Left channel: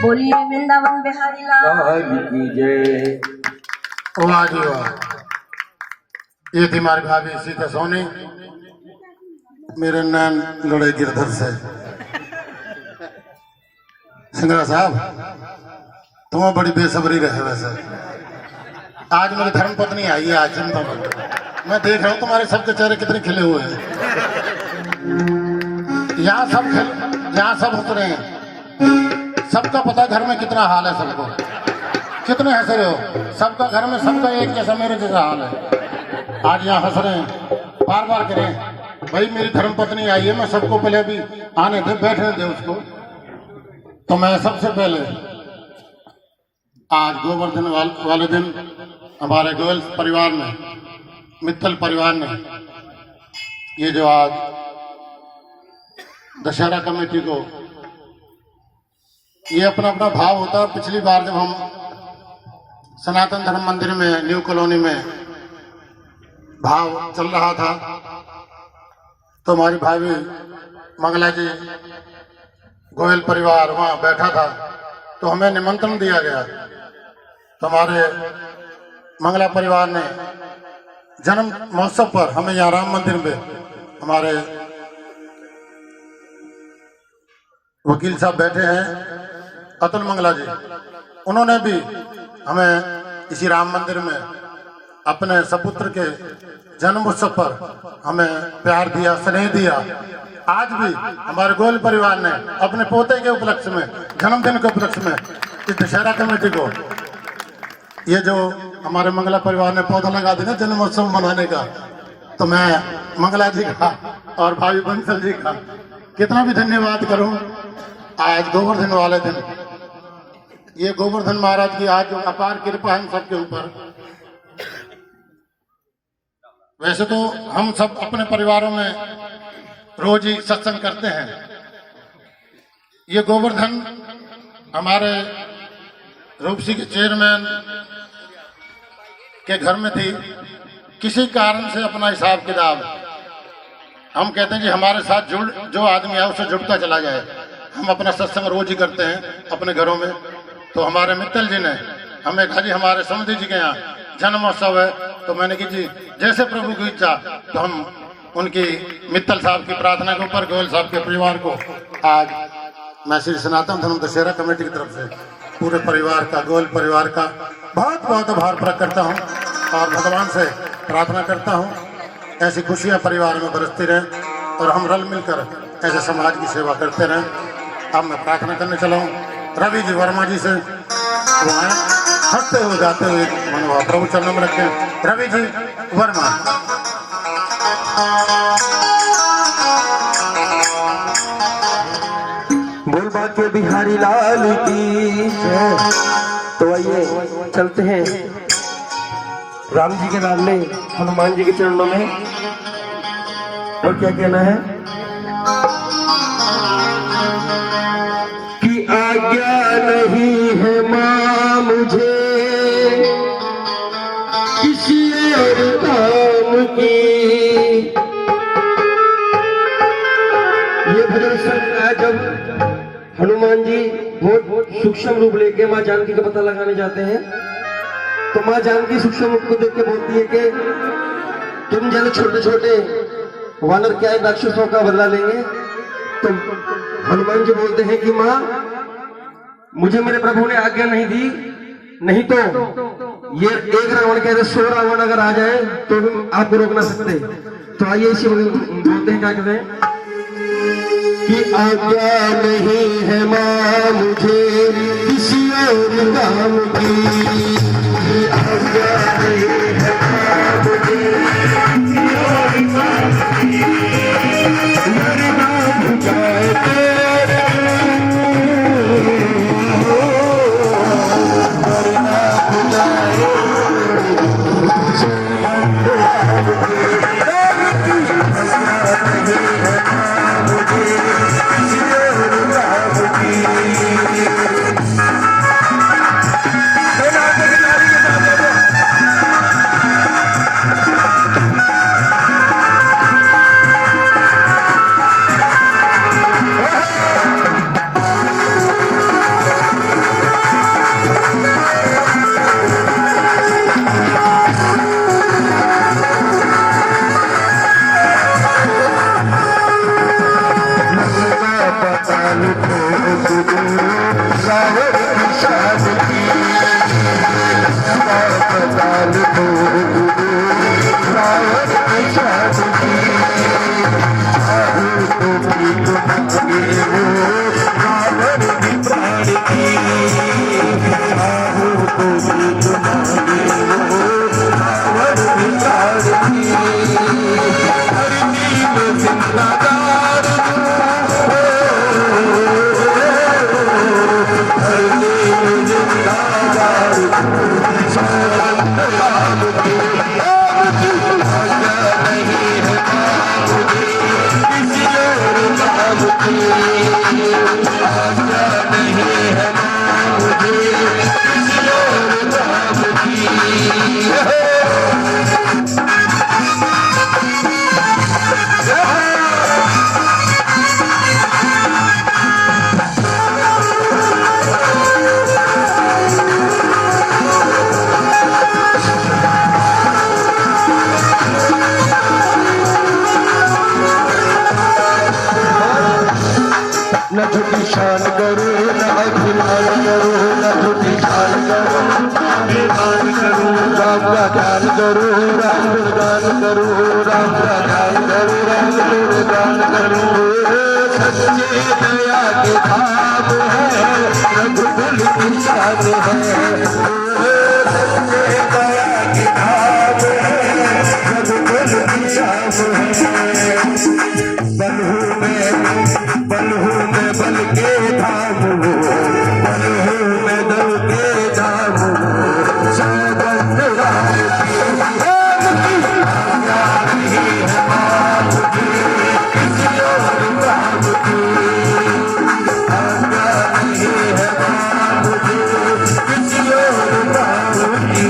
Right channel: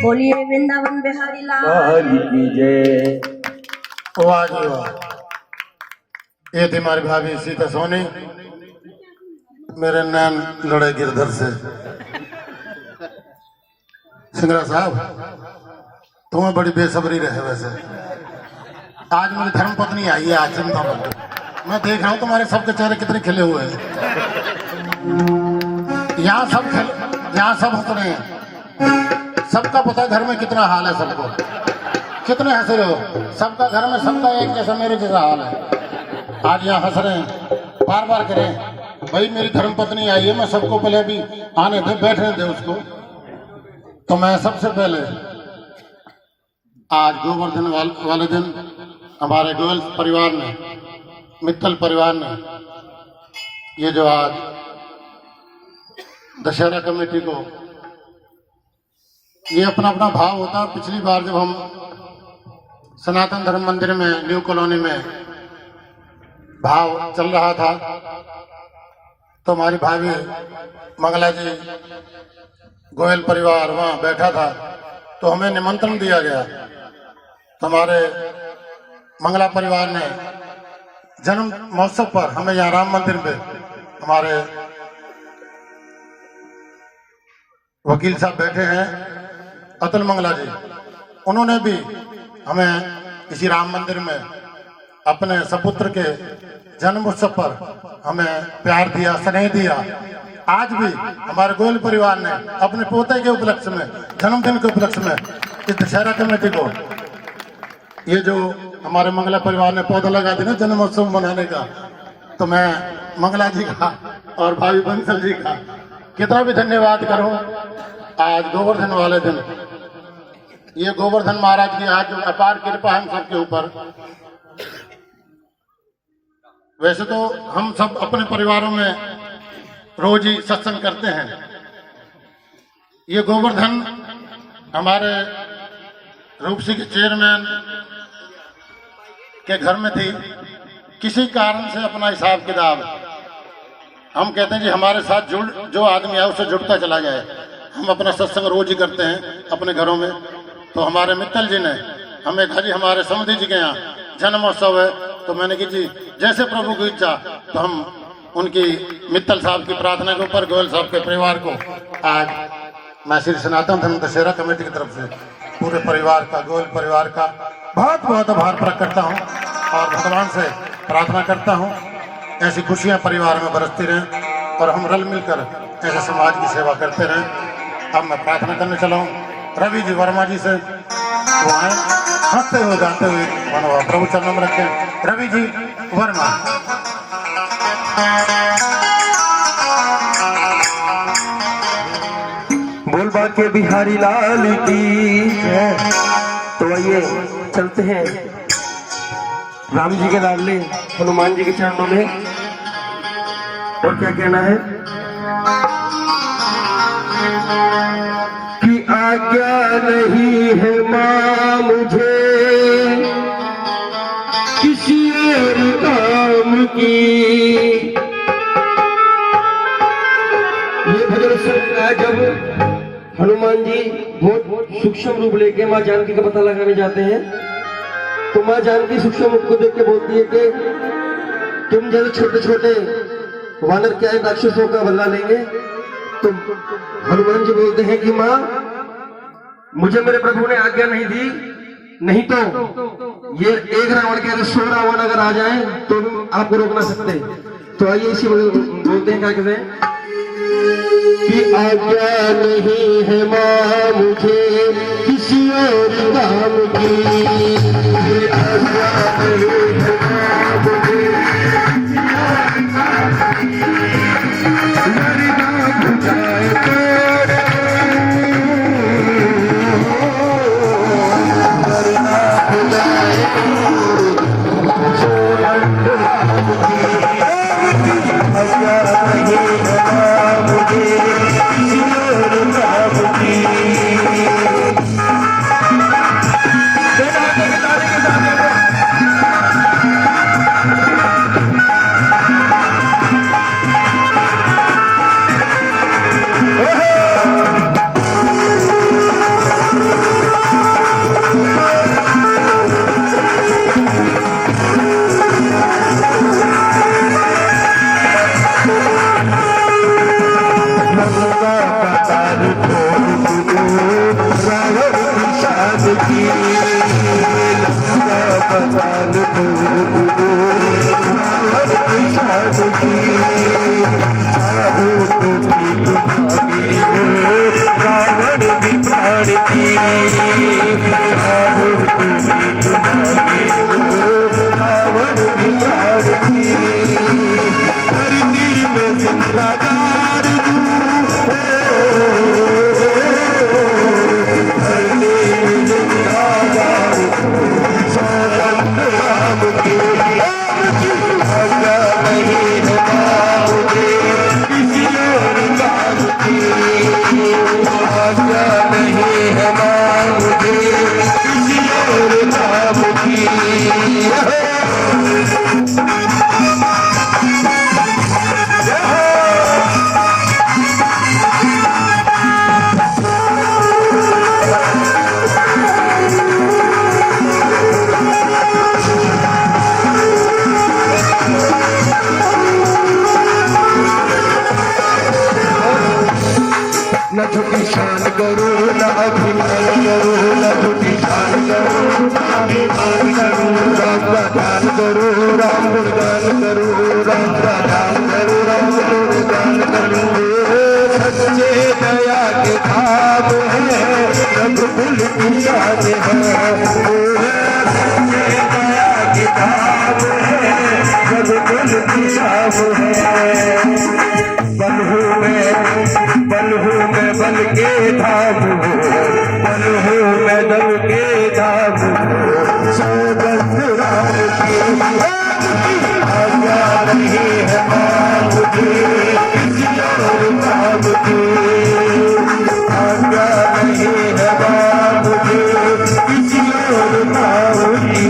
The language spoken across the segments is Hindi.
बोलिए वृंदावन बिहारी लाल की जय। वाह जी वाह। ये थी हमारी भाभी सीता सोनी, मेरे नैन लड़े गिरधर से। सिंगरा साहब तुम्हें बड़ी बेसब्री रहे वैसे। आज मेरी धर्म पत्नी आई है, आज चिंता मत। मैं देख रहा हूँ तुम्हारे सबके चेहरे कितने खिले हुए हैं। यहाँ सब हंस रहे हैं। सबका पता है घर में कितना हाल है सबको। कितने हंस रहे हो? सबका घर में सबका एक जैसा मेरे जैसा हाल है। आज यहाँ हंस रहे हैं, बार बार करें भाई मेरी धर्म पत्नी आई है। मैं सबको पहले अभी आने दे, बैठने दे उसको। तो मैं सबसे पहले आज गोवर्धन वाले दिन हमारे गोयल परिवार ने, मित्तल परिवार ने, ये जो आज दशहरा कमेटी को, ये अपना अपना भाव होता है। पिछली बार जब हम सनातन धर्म मंदिर में न्यू कॉलोनी में भाव चल रहा था तो हमारी भाभी मंगला जी गोयल परिवार वहाँ बैठा था, तो हमें निमंत्रण दिया गया। तो हमारे मंगला परिवार ने जन्म महोत्सव पर हमें यहाँ राम मंदिर में हमारे वकील साहब बैठे हैं अतुल मंगला जी, उन्होंने भी हमें इसी राम मंदिर में अपने सपुत्र के जन्म उत्सव पर हमें प्यार दिया, स्नेह दिया। आज भी हमारे गोयल परिवार ने अपने पोते के उपलक्ष्य में, जन्मदिन के उपलक्ष्य में इस दशहरा कमेटी को, ये जो हमारे मंगला परिवार ने पौधा लगा दिया जन्मोत्सव मनाने का, तो मैं मंगला जी का और भाई बंसल जी का कितना भी धन्यवाद करूं। आज गोवर्धन वाले दिन, ये गोवर्धन महाराज की आज अपार कृपा है हम सबके ऊपर। वैसे तो हम सब अपने परिवारों में रोज ही सत्संग करते हैं। ये गोवर्धन हमारे रूपसी के चेयरमैन के घर में थी। किसी कारण से अपना हिसाब किताब, हम कहते हैं जी हमारे साथ जो आदमी है उससे जुड़ता चला जाए। हम अपना सत्संग रोज ही करते हैं अपने घरों में। तो हमारे मित्तल जी ने हमें कहा जी हमारे समिति जी के यहाँ जन्मोत्सव है। तो मैंने कहा जी जैसे प्रभु की इच्छा। तो हम उनकी मित्तल साहब की प्रार्थना के ऊपर गोयल साहब के परिवार को आज मैं श्री सनातन धर्म दशहरा कमेटी की तरफ से पूरे परिवार का, गोयल परिवार का बहुत बहुत आभार प्रकट करता हूँ और भगवान से प्रार्थना करता हूँ ऐसी खुशियां परिवार में बरसती रहें और हम रल मिलकर ऐसे समाज की सेवा करते रहें। अब मैं प्रार्थना करने चला हूँ रवि जी वर्मा जी से, वो आए हंसते हुए गाते हुए मनोभाव प्रभु चरणों में रखें। रवि जी वर्मा। बोल बाके बिहारी लाल की। तो आइए चलते हैं राम जी के लाडले हनुमान जी के चरणों में। और क्या कहना है कि आज्ञा नहीं है मां मुझे किसी और काम की। ये भजन सुनना जब हनुमान जी बहुत सूक्ष्म रूप लेके मां जानकी का पता लगाने जाते हैं, तो मां जानकी सूक्ष्म रूप को देख के बोलती है कि तुम जरा छोटे छोटे वानर क्या है राक्षसों का बदला लेंगे। तो हनुमान जी बोलते हैं कि मां मुझे मेरे प्रभु ने आज्ञा नहीं दी, नहीं तो ये एक रावण के 100 रावण अगर आ जाए तो हम आपको रोक ना सकते। तो आइए इसी बोलते हैं क्या कहते हैं कि आज्ञा नहीं है मां मुझे किसी और काम की। आज्ञा नहीं है मां मुझे किसी और काम की। मेरी बात बुझाते न झूठी शान करो न अभिमान करो, न झूठी शान करो न अभिमान करो। राम का ध्यान करो, राम गुणगान करो, राम का ध्यान करो, राम गुणगान करो। सच्चे दया के धाम है, रघुकुल की शान है। सच्चे दया के धाम है, रघुकुल की शान है। बलहू में बल के धाम हो, बलहू में दल के धाम हो। सौगंध राम की आज्ञा नहीं है मां मुझे किसी और काम की। आज्ञा नहीं है मां मुझे किसी और काम की।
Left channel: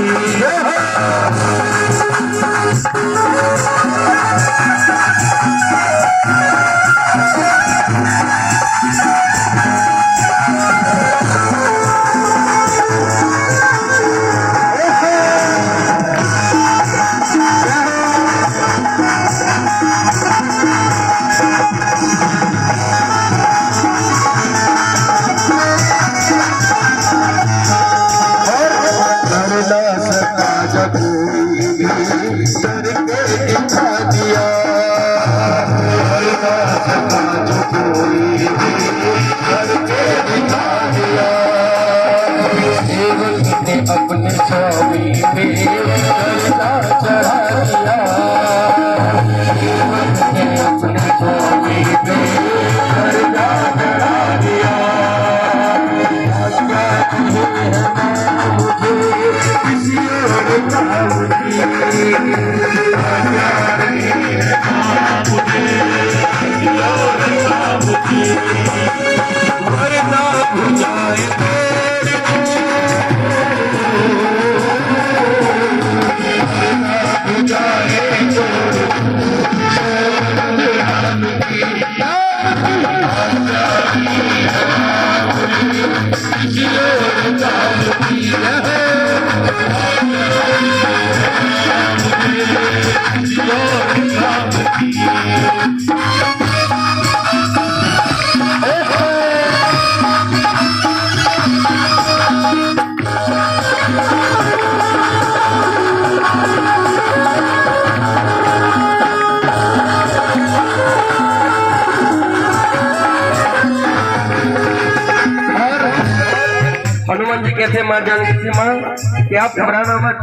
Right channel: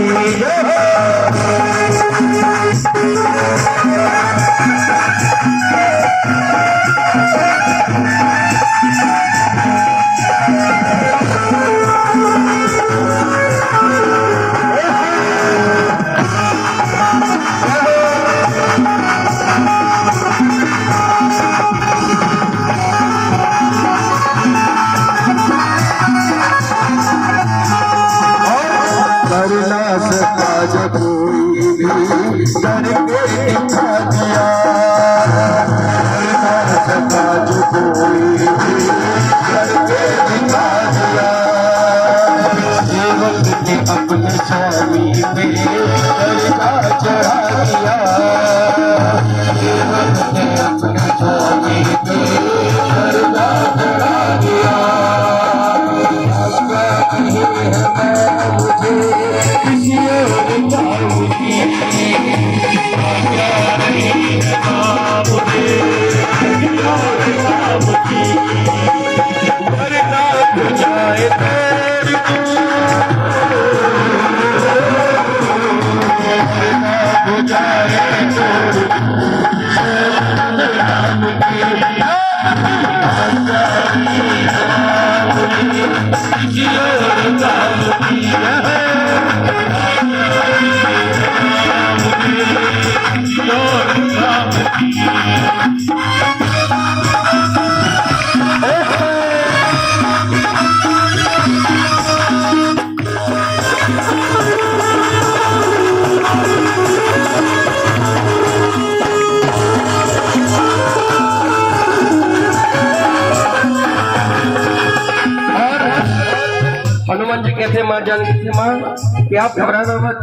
हनुमान जी कहते माँ जानकी से माँ कि आप घबराना मत,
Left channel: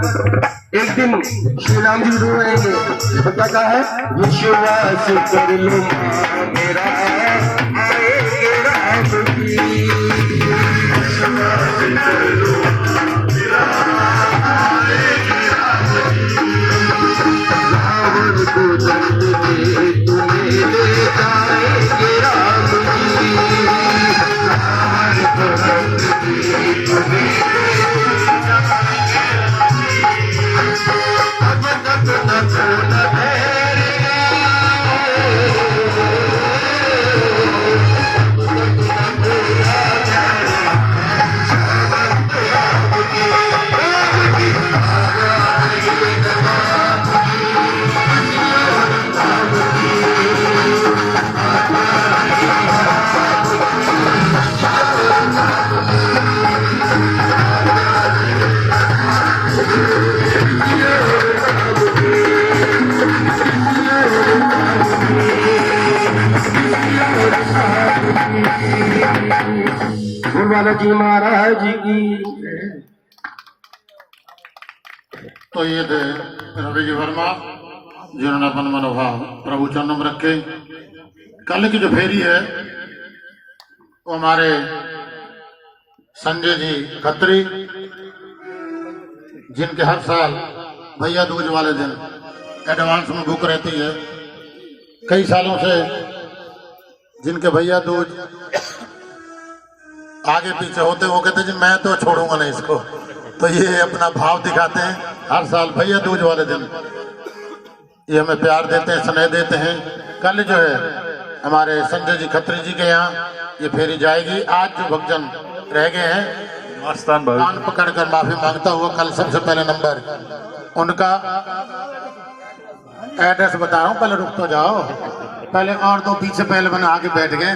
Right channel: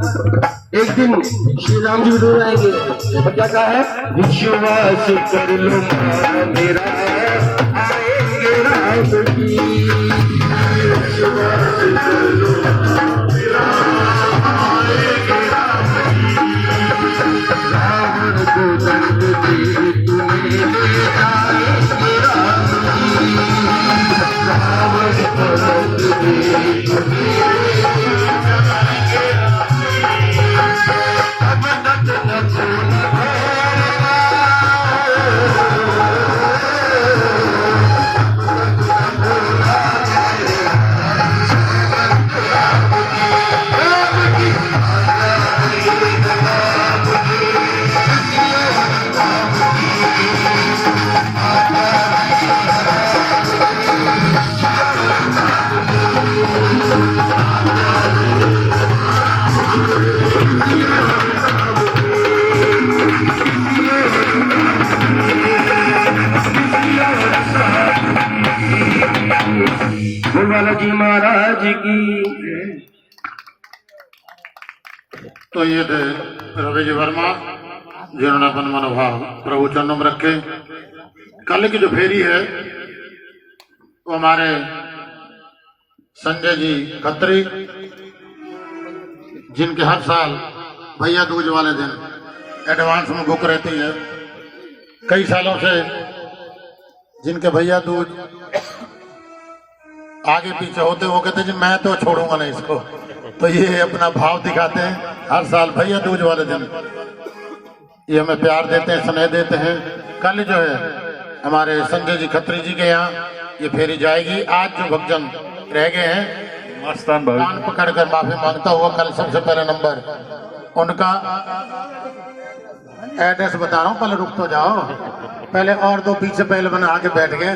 एक दिन श्री राम जी जरूर आएंगे। तो क्या कहा है, विश्वास कर लो माँ मेरा आएंगे राम जी, विश्वास कर लो मेरा आएंगे राम जी, रावण को दंड दे तुम्हें ले जाएंगे राम जी, रावण को दंड दे बालाजी महाराज की। तो ये थे रवि जी वर्मा जिन्होंने अपन मनोभाव प्रभु चरणों में रखे। कल की जो फेरी है वो हमारे संजय जी खत्री, जिनके हर साल भैया दूज वाले दिन एडवांस में बुक रहती है। कई सालों से जिनके भैया दूज आगे पीछे होते, वो कहते जी मैं तो छोड़ूंगा नहीं इसको। तो ये अपना भाव दिखाते हैं हर साल भैया दूज वाले दिन, ये हमें प्यार देते हैं, स्नेह देते हैं। कल जो है हमारे संजय जी खत्री जी के यहाँ ये फेरी जाएगी। आज जो भक्तजन रह गए हैं कान पकड़ कर माफी मांगता हुआ, कल सबसे पहले नंबर उनका एड्रेस बता रहा हूँ, पहले रुक तो जाओ, पहले और दो पीछे पहले बना आके बैठ गए।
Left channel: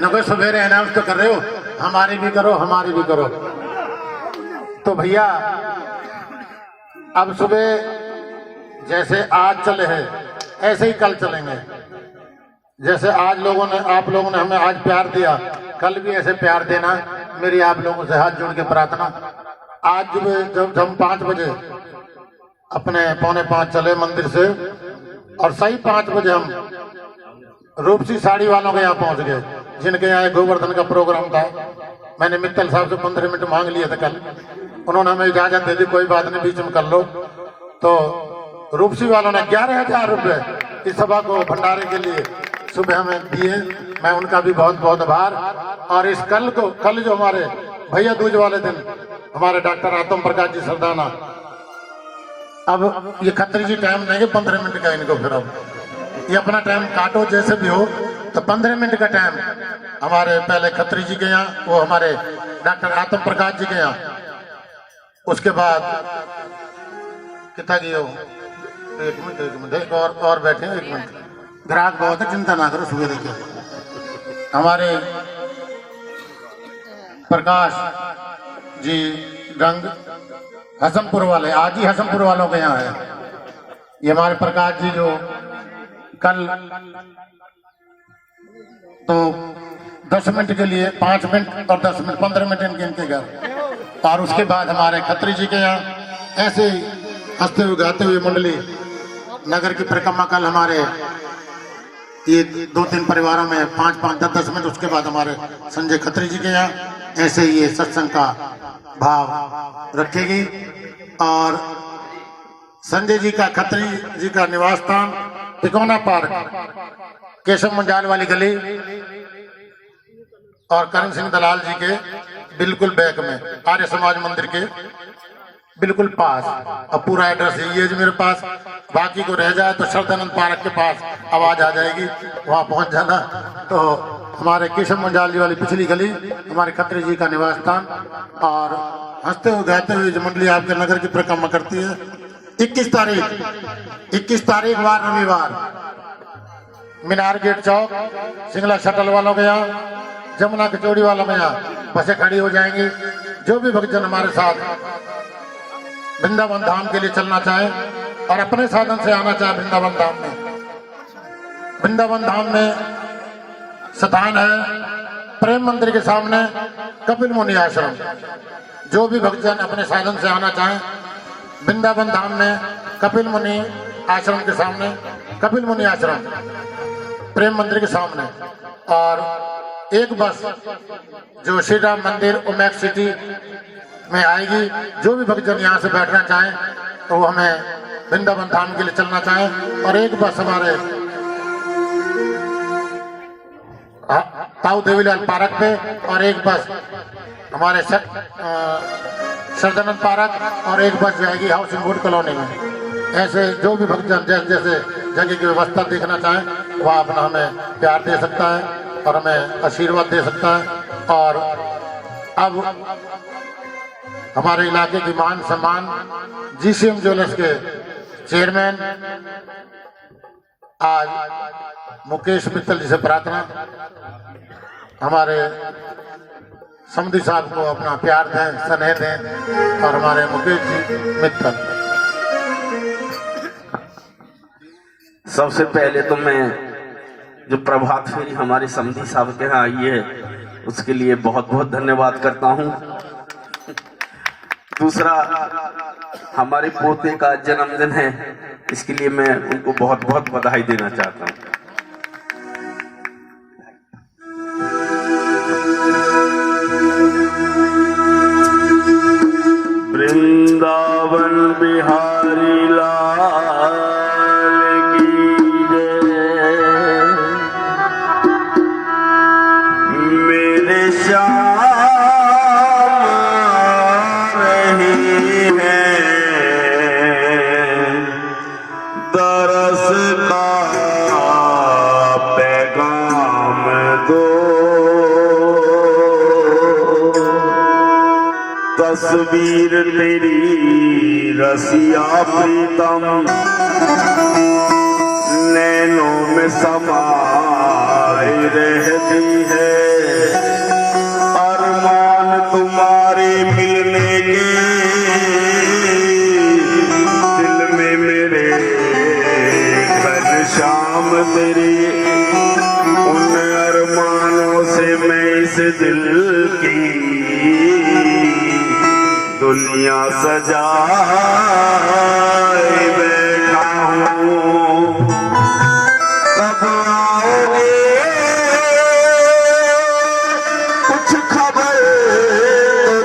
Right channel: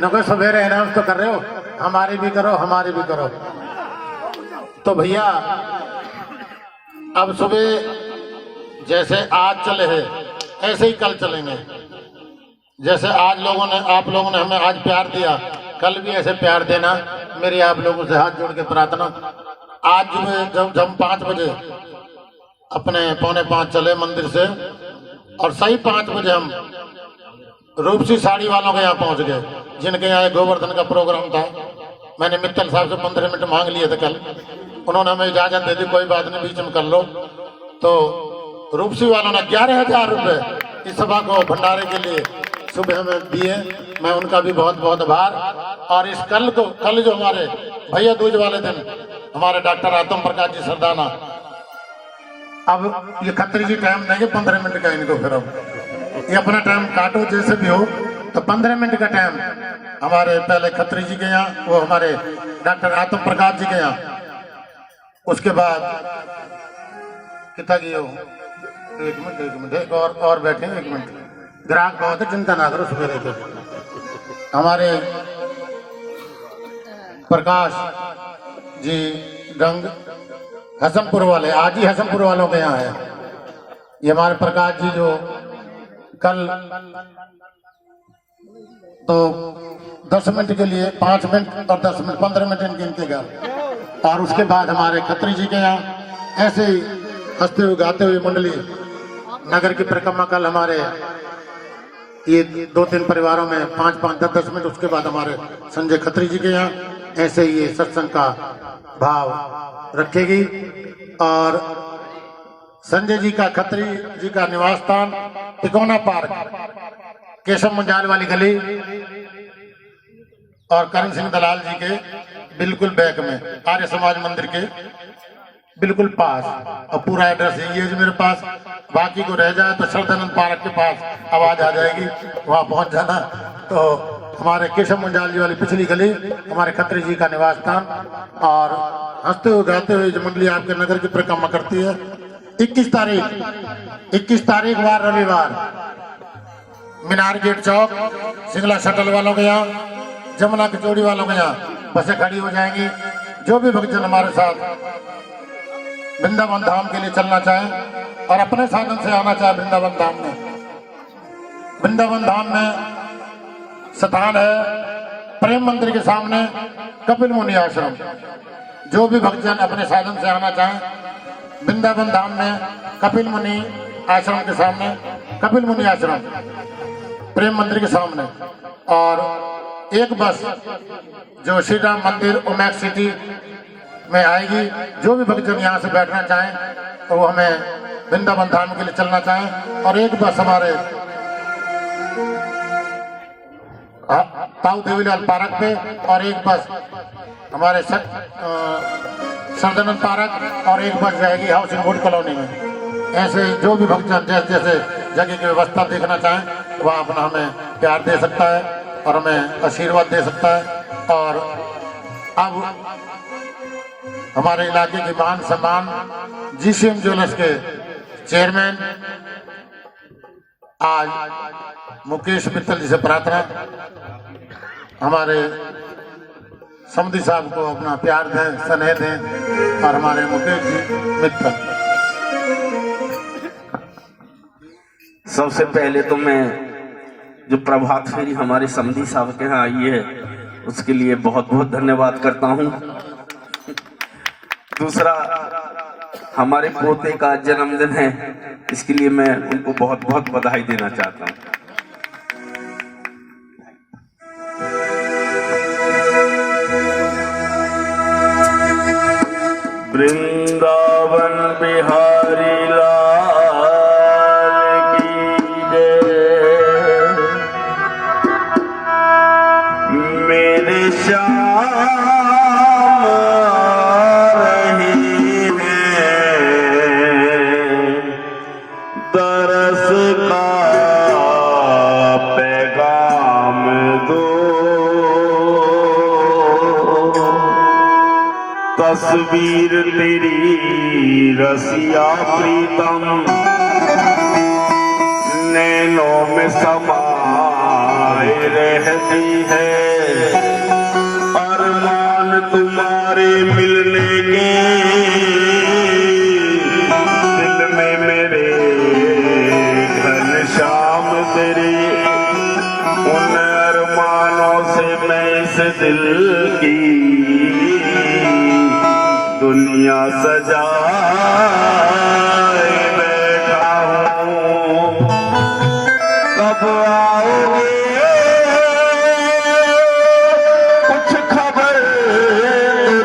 न कोई सवेरे अनाउंस तो कर रहे हो, हमारी भी करो हमारी भी करो। तो भैया अब सुबह जैसे आज चले हैं ऐसे ही कल चलेंगे। जैसे आज आप लोगों ने हमें आज प्यार दिया, कल भी ऐसे प्यार देना। मेरी आप लोगों से हाथ जोड़ के प्रार्थना। आज जब हम 5 बजे अपने 4:45 चले मंदिर से, और सही 5 बजे हम रूपसी साड़ी वालों के यहाँ पहुंच गए, जिनके यहाँ गोवर्धन का प्रोग्राम था। मैंने मित्तल साहब से 15 मिनट मांग लिए थे कल, उन्होंने हमें इजाजत दे दी, कोई बात नहीं बीच में कर लो। तो रूपसी वालों ने 11,000 रुपए इस सभा को भंडारे के लिए सुबह हमें दिए, मैं उनका भी बहुत बहुत आभार। और इस कल जो हमारे भैया दूज वाले दिन हमारे डॉक्टर आत्म प्रकाश जी सरदाना, अब ये खत्री जी टाइम नहीं है 15 मिनट का इनको, फिर अब ये अपना टाइम काटो जैसे भी हो। तो 15 मिनट का टाइम हमारे पहले खत्री जी के यहाँ, वो हमारे डॉक्टर आत्म प्रकाश जी के यहाँ, उसके बाद कितना की हो, एक मिनट और बैठे, 1 मिनट। ग्राहक बहुत है, चिंता ना करो, सवेरे के हमारे प्रकाश जी गंग हसनपुर वाले, आज ही हसनपुर वालों के यहाँ है। ये हमारे प्रकाश जी जो कल तो 10 मिनट के लिए 5 मिनट और 10 मिनट 15 मिनट इनके घर। और उसके बाद हमारे खत्री जी के यहाँ ऐसे ही हंसते हुए गाते हुए मंडली नगर की परिक्रमा। कल हमारे ये 2-3 परिवारों में 5-5, 10-10 मिनट। उसके बाद हमारे संजय खत्री जी के यहाँ ऐसे ही ये सत्संग का भाव रखेगी। और संजय जी का, खत्री जी का निवास स्थान तिकोना पार्क, केशव मुंजाल वाली गली और करण सिंह दलाल जी के बिल्कुल बैक में, आर्य समाज मंदिर के बिल्कुल पास। अब पूरा एड्रेस यही है जी मेरे पास, बाकी को रह जाए तो शरदानंद पार्क के पास आवाज आ जाएगी, वहां पहुंच जाना। तो हमारे केशव मुंजाल जी वाली पिछली गली हमारे खत्री जी का निवास स्थान। और हंसते हुए गाते हुए जो मंडली आपके नगर की परिक्रमा करती है, 21 तारीख वार रविवार मीनार गेट चौक, सिंगला शटल वालों के यहाँ, जमुना कचौड़ी वालों के यहाँ बसें खड़ी हो जाएंगी। जो भी भक्तजन हमारे साथ वृंदावन धाम के लिए चलना चाहे और अपने साधन से आना चाहे वृंदावन धाम में, वृंदावन धाम में स्थान है प्रेम मंदिर के सामने कपिल मुनि आश्रम। जो भी भक्तजन अपने साधन से आना चाहें वृंदावन धाम में कपिल मुनि आश्रम के सामने, कपिल मुनि आश्रम प्रेम मंदिर के सामने, और एक बस जो श्री राम मंदिर ओमेक सिटी में आएगी। जो भी भक्तजन यहाँ से बैठना चाहें तो वो हमें वृंदावन धाम के लिए चलना चाहें, और एक बस हमारे ताऊ देवीलाल पार्क पे, और एक बस हमारे सरदानंद पार्क, और एक बस जाएगी हाउसिंग बोर्ड कॉलोनी में। ऐसे जो भी भक्तजन जैसे जैसे जगह की व्यवस्था देखना चाहें वह अपना हमें प्यार दे सकता है और हमें आशीर्वाद दे सकता है। और अब हमारे इलाके की मान सम्मान GCM ज्वेलर्स के चेयरमैन आज मुकेश मित्तल जी से प्रार्थना, हमारे समधी साहब को अपना प्यार दें, स्नेह दें, और हमारे मुकेश जी मित्तल। सबसे पहले तो मैं जो प्रभात फेरी हमारे समधी साहब के यहाँ आई है उसके लिए बहुत बहुत धन्यवाद करता हूँ। दूसरा, हमारे पोते का जन्मदिन है, इसके लिए मैं उनको बहुत बहुत बधाई देना चाहता हूँ। वृंदावन बिहारी लाल की जय। मेरे श्याम रही है दरस का पैगाम दो, तस्वीर तेरी रसिया प्रीतम नैनों में समाई रहती है। अरमान तुम्हारे मिलने के दिल में मेरे घनश्याम तेरे, उन अरमानों से मैं इस दिल की दुनिया सजाए बैठा हूँ। कब आओगे कुछ खबर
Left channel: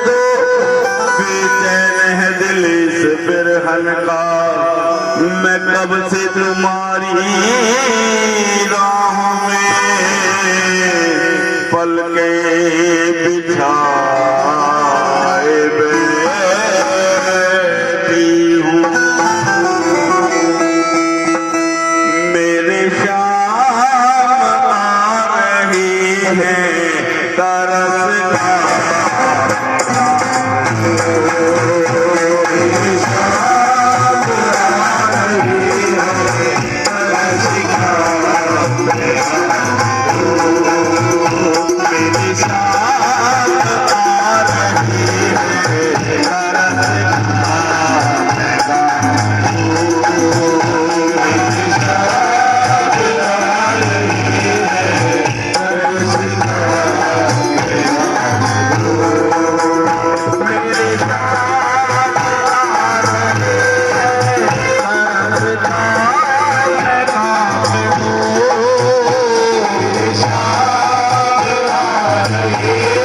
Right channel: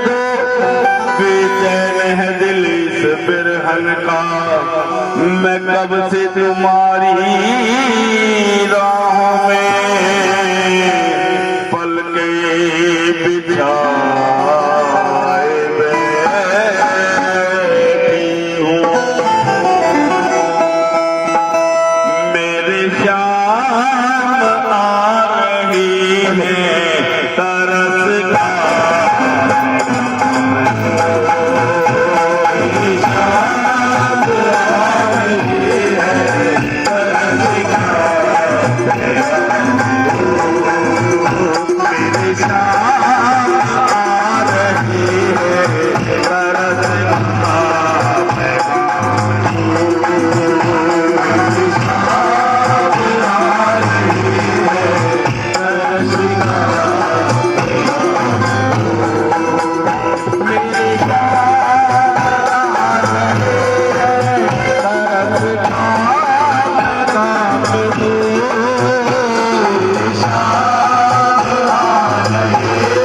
तो दो, बेचैन है दिल इस बिरहन का। मैं कब से तुम्हारी राहों में पलके बिछा Yeah.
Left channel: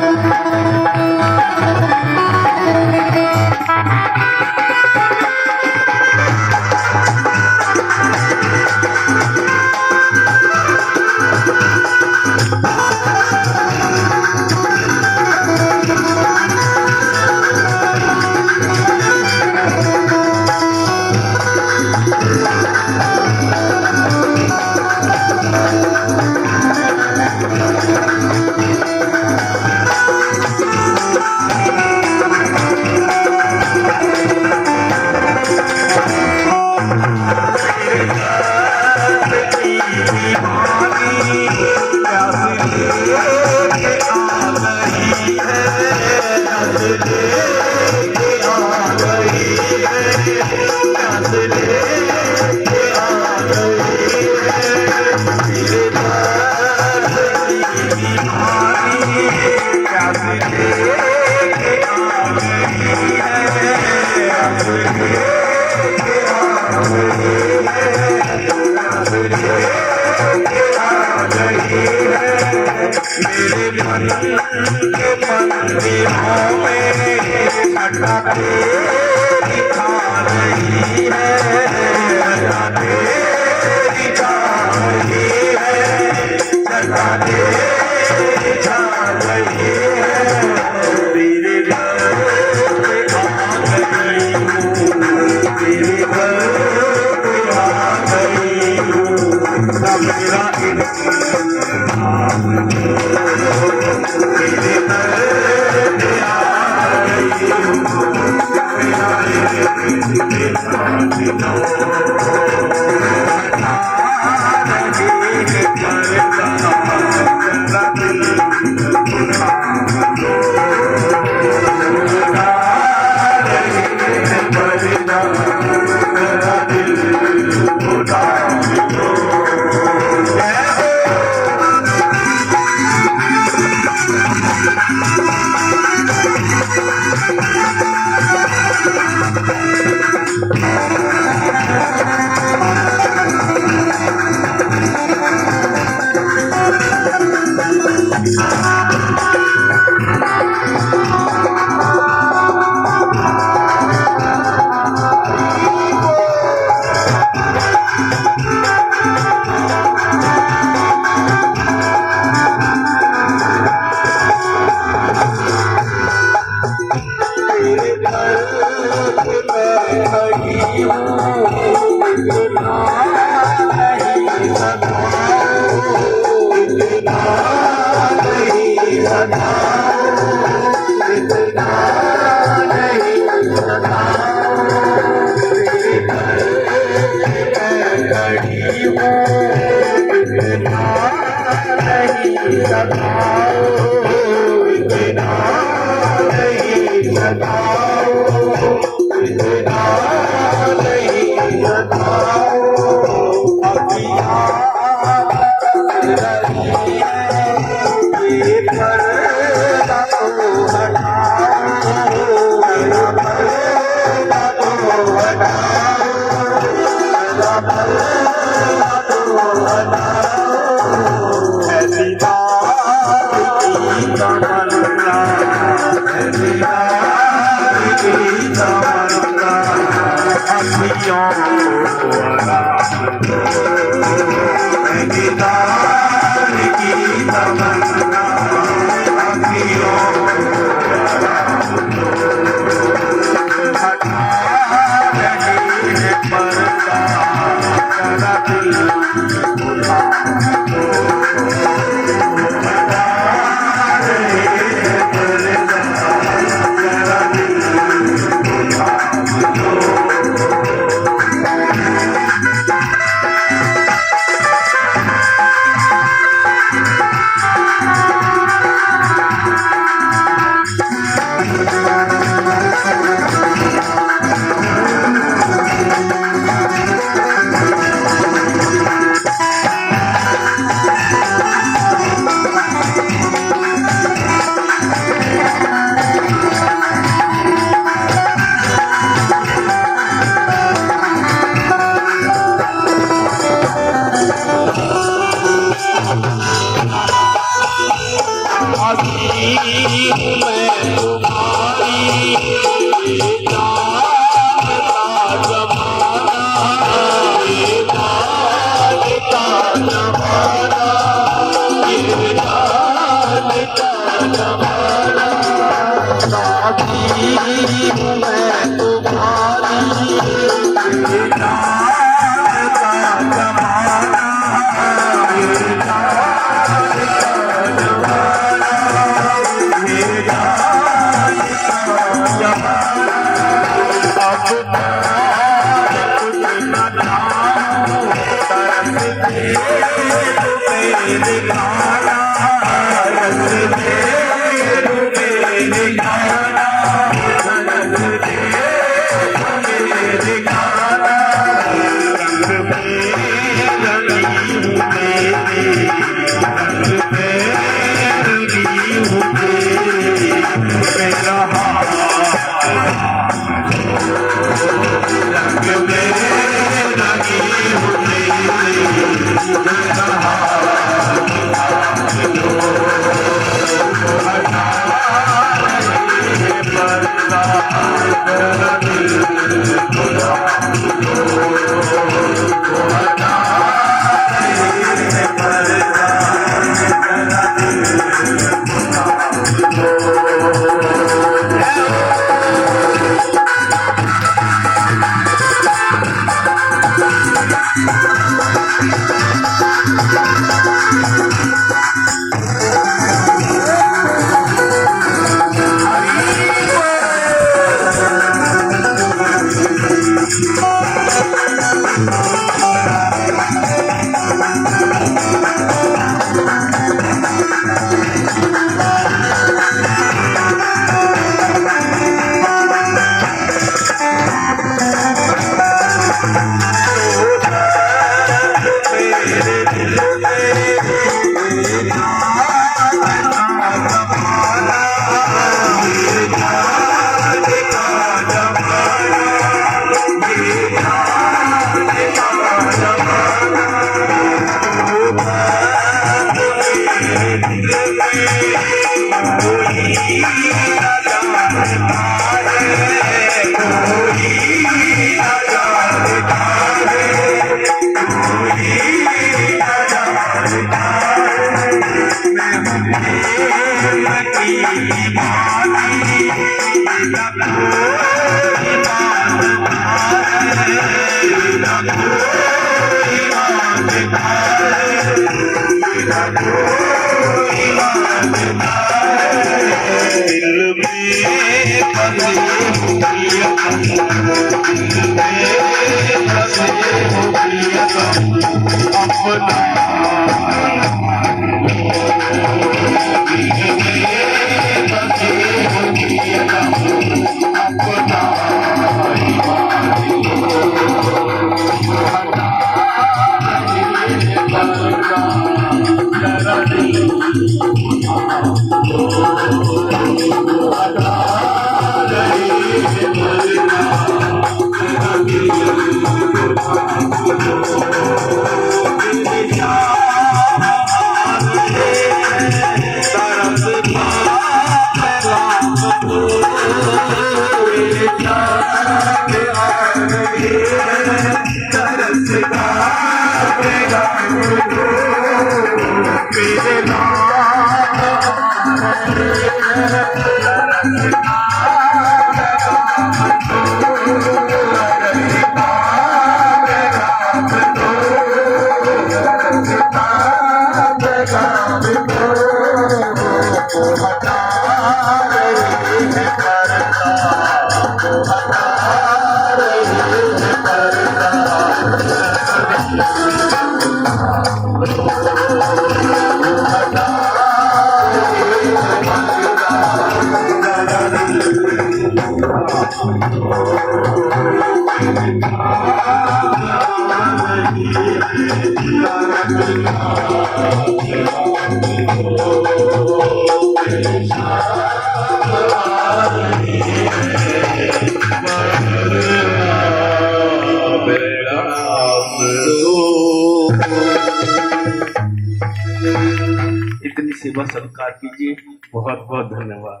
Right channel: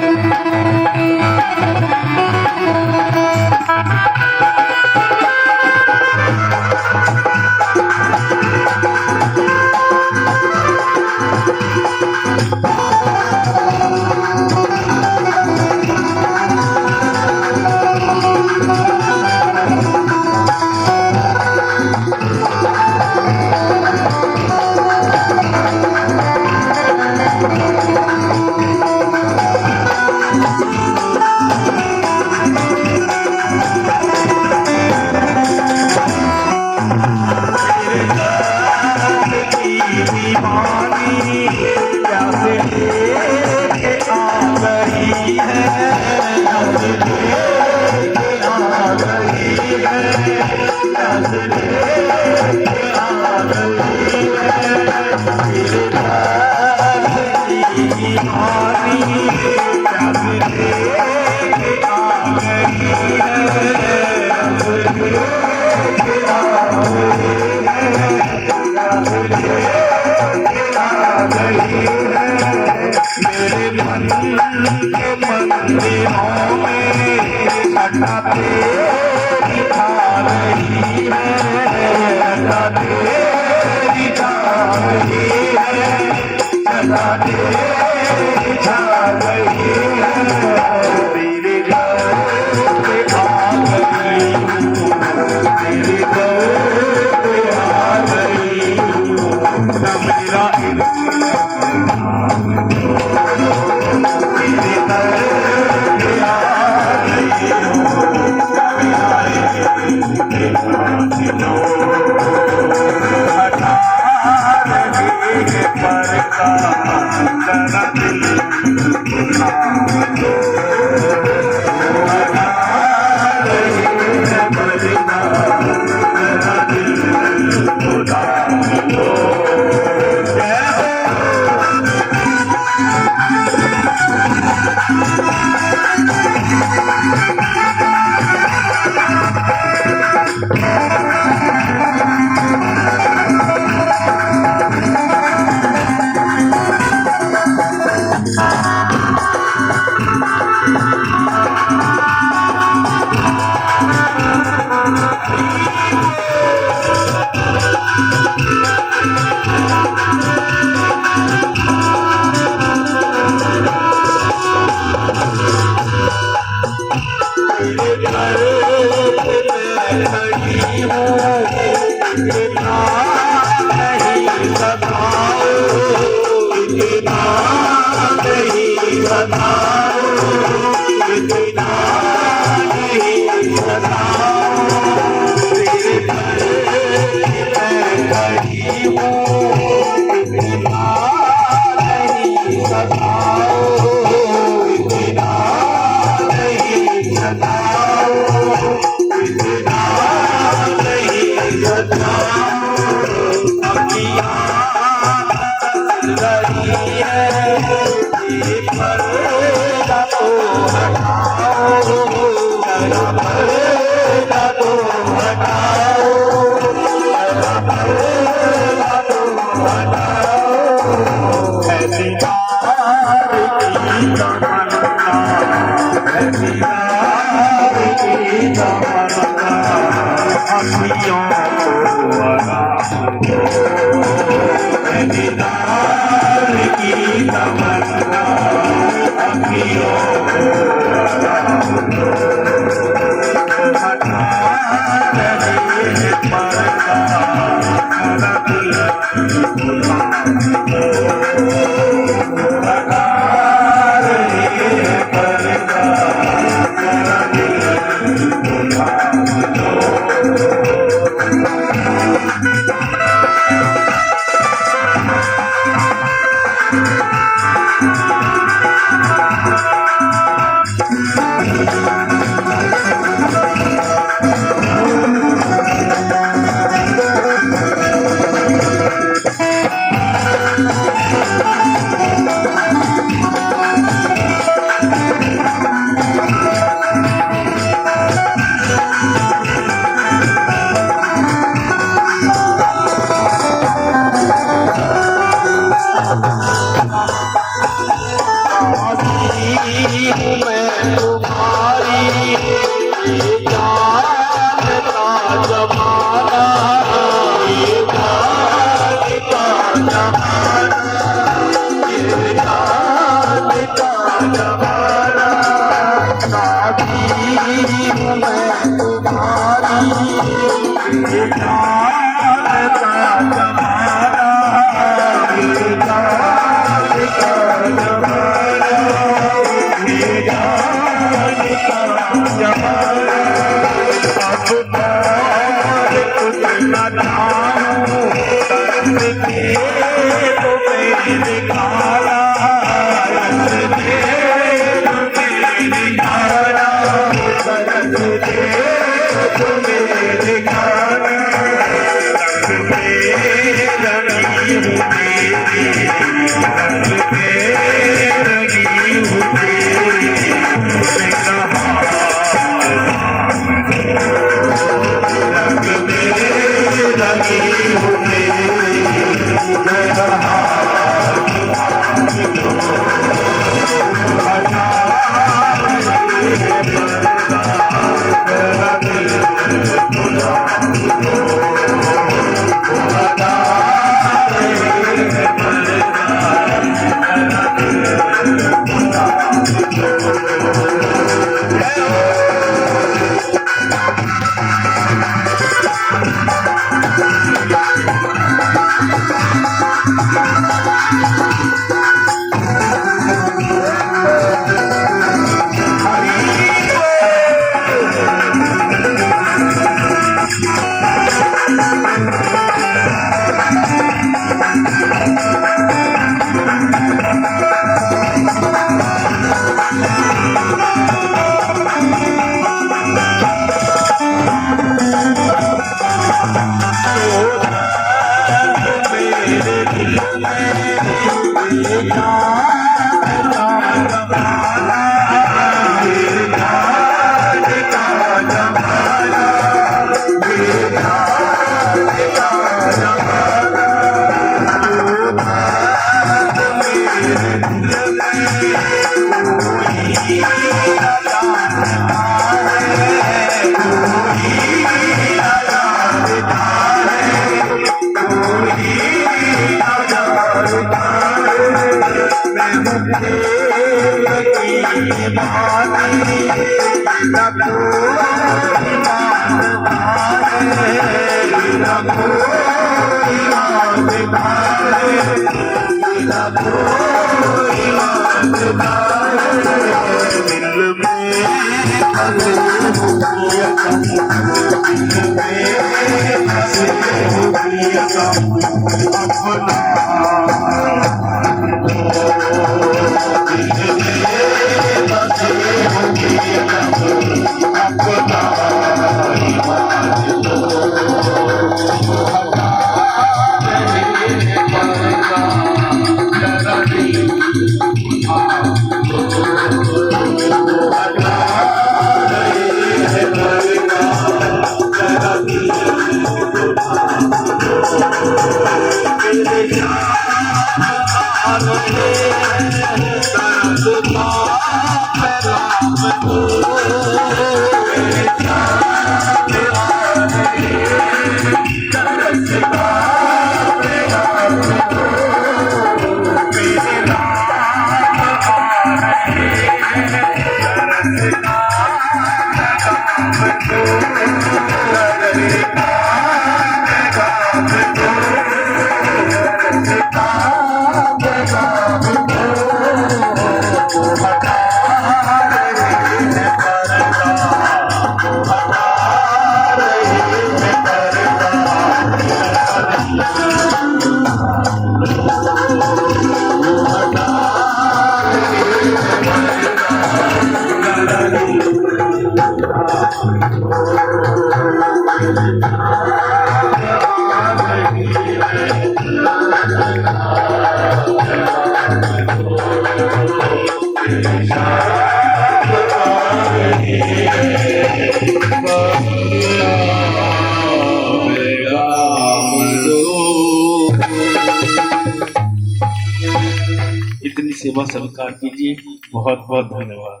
इतनी सेवा स्वीकार कीजिए। बहुत बहुत धन्यवाद।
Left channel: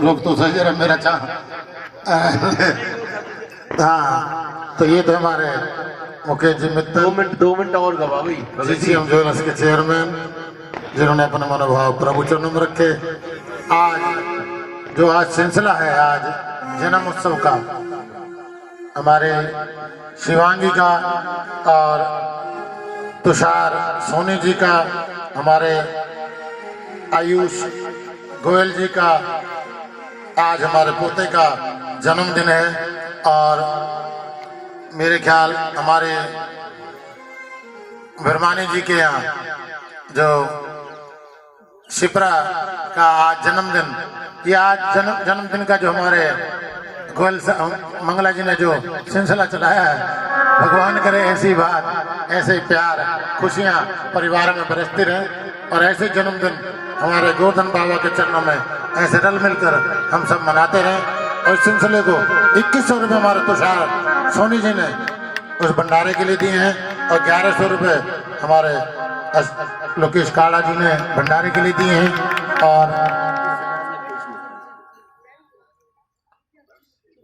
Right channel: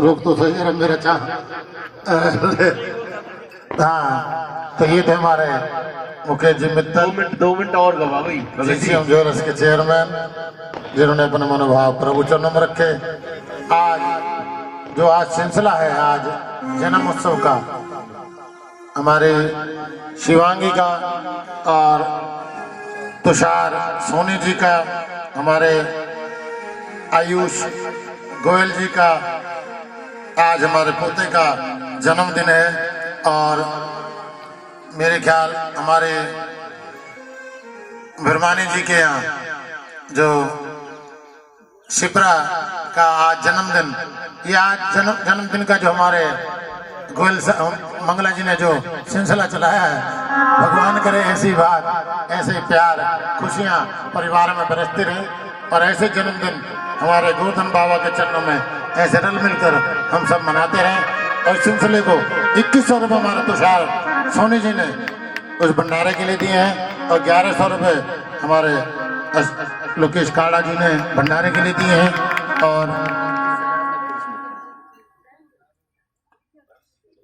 रोक तो सही जरा मेरा चाह। हाँ, तो ये थे हमारे मुकेश जी मित्तल, 2 मिनट और गवा भाई। CCM ज्वेलर्स के चेयरमैन जिन्होंने अपने मनोभाव प्रभु चरणों में रखे। आज जो आज सिलसिला है, आज जन्म उत्सव का, हमारे शिवांगी का और तुषार सोनी जी का, हमारे आयुष गोयल जी का आज हमारे पोते का जन्मदिन है। और मेरे ख्याल हमारे भरमानी जी के यहाँ जो शिप्रा का आज जन्मदिन, ये आज जन्मदिन का जो हमारे गोयल मंगला जी ने जो सिलसिला चलाया है, भगवान करे ऐसी बात, ऐसे प्यार खुशियाँ परिवार में बरसती रहे और ऐसे जन्मदिन हमारे गोवर्धन बाबा के चरणों में ऐसे रल मिलकर हम सब मनाते रहें। और इस सिलसिले को 2100 रुपये हमारे तुषार सोनी जी ने उस भंडारे के लिए दिए हैं और 1100 रुपये हमारे लोकेश काड़ा जी ने भंडारे के लिए दिए हैं। और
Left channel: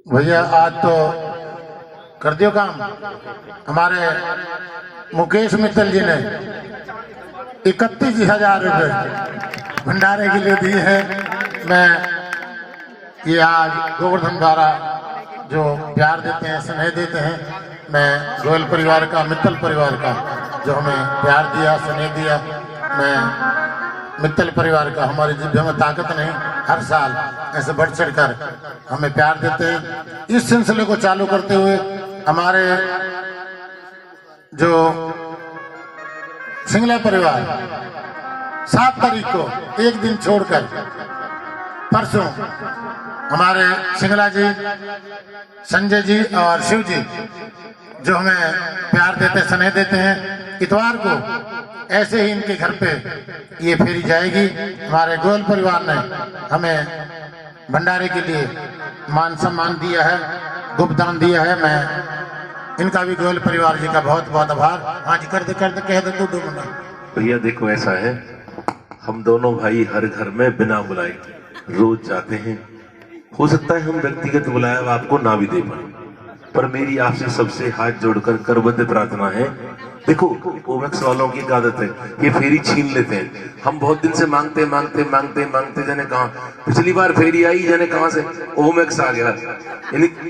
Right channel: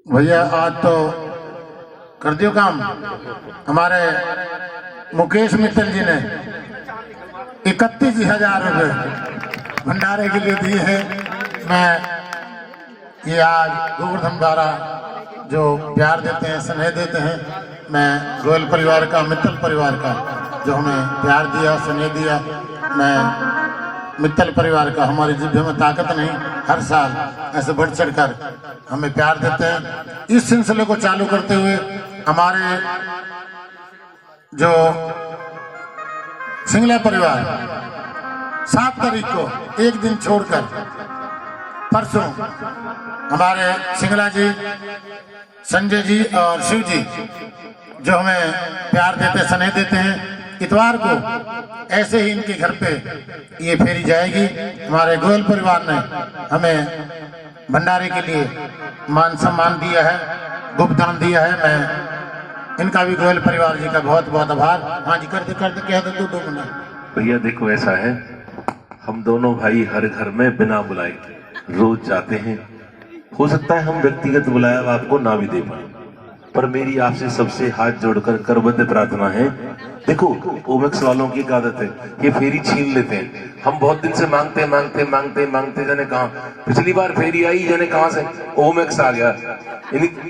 भैया आज तो कर दियो काम, हमारे मुकेश मित्तल जी ने 31,000 रुपये भंडारे के लिए दिए हैं। मैं ये आज गोवर्धन द्वारा जो प्यार देते हैं, स्नेह देते हैं, मैं गोयल परिवार का, मित्तल परिवार का जो हमें प्यार दिया, स्नेह दिया, मैं मित्तल परिवार का, हमारी जिब्बे में ताकत नहीं, हर साल ऐसे बढ़ चढ़ कर हमें प्यार देते हैं। इस सिलसिले को चालू करते हुए हमारे जो सिंगला परिवार 7 तारीख को, एक दिन छोड़कर परसों, हमारे सिंगला जी, संजय जी और शिव जी जो हमें प्यार देते, स्नेह देते हैं, इतवार को ऐसे ही इनके घर पे ये फेरी जाएगी। हमारे गोयल परिवार ने हमें भंडारे के लिए मान सम्मान दिया है, गुप्त दान दिया है। मैं इनका भी गोयल परिवार जी का बहुत बहुत आभार। हाँ जी, कर दे कह दे 2 मिनट। भैया देखो, ऐसा है, हम दोनों भाई हर घर में बिना बुलाए रोज जाते हैं। हो सकता है हम व्यक्तिगत बुलाया आपको ना भी दे पाए, पर मेरी आपसे सबसे हाथ जोड़कर करबद्ध प्रार्थना है। देखो, ओमेक्स वालों की एक आदत है, ये फेरी छीन लेते हैं। हम बहुत दिन से मांगते मांगते मांगते मांगते, जाने कहा पिछली बार फेरी आई, जाने कहां से ओमेक्स आ गया,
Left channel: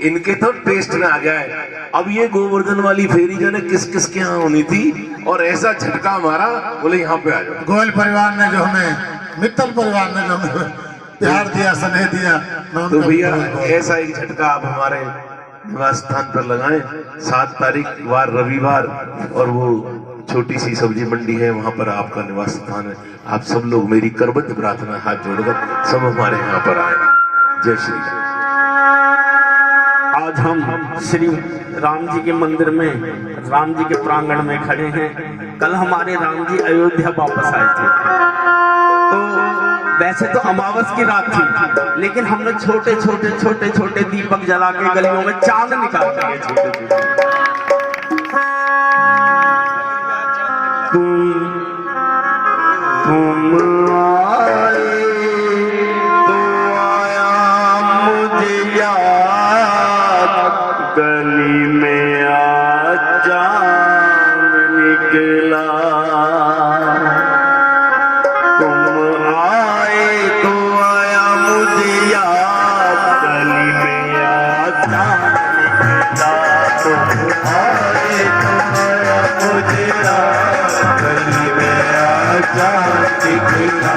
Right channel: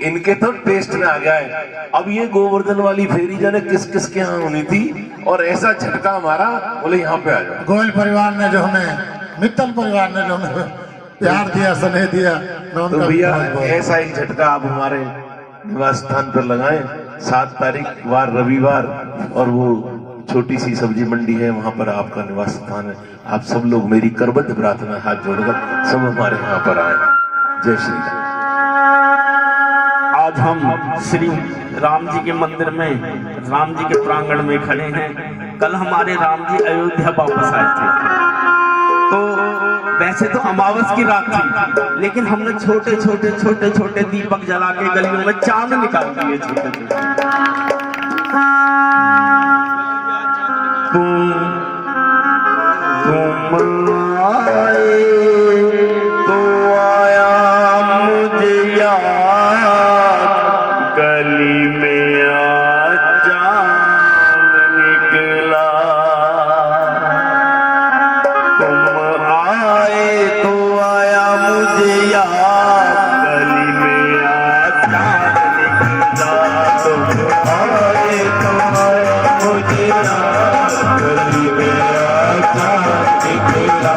इनके तो टेस्ट में आ गया है। अब ये गोवर्धन वाली फेरी जाने किस किस के यहाँ होनी थी, और ऐसा झटका हमारा, बोले यहाँ पे आ जाओ। गोयल परिवार ने जो हमें, मित्तल परिवार ने जो हमें प्यार दिया, स्नेह दिया, तो भैया ऐसा एक झटका आप हमारे निवास स्थान पर लगाएं। 7 तारीख वार रविवार, और वो छोटी सी सब्जी मंडी है, वहां पर आपका निवास स्थान है। आप सब लोग, मेरी करबद्ध प्रार्थना, हाथ जोड़कर सब हमारे यहाँ पर आए। जय श्री राम। आज हम श्री राम जी के मंदिर में, राम जी के प्रांगण में खड़े हैं। कल हमारे राम जी अयोध्या वापस आए थे, तो वैसे तो अमावस की रात थी, लेकिन हमने छोटे छोटे छोटे छोटे दीपक जला के गलियों में चांद निकाल दिए, छोटे छोटे। तुम आए तो आया मुझे याद, गली में आज चांद निकला। तुम आए तो आया मुझे याद, गली में आज चांद निकला। तुम आए तो आया मुझे याद, गली में आज चांद निकला।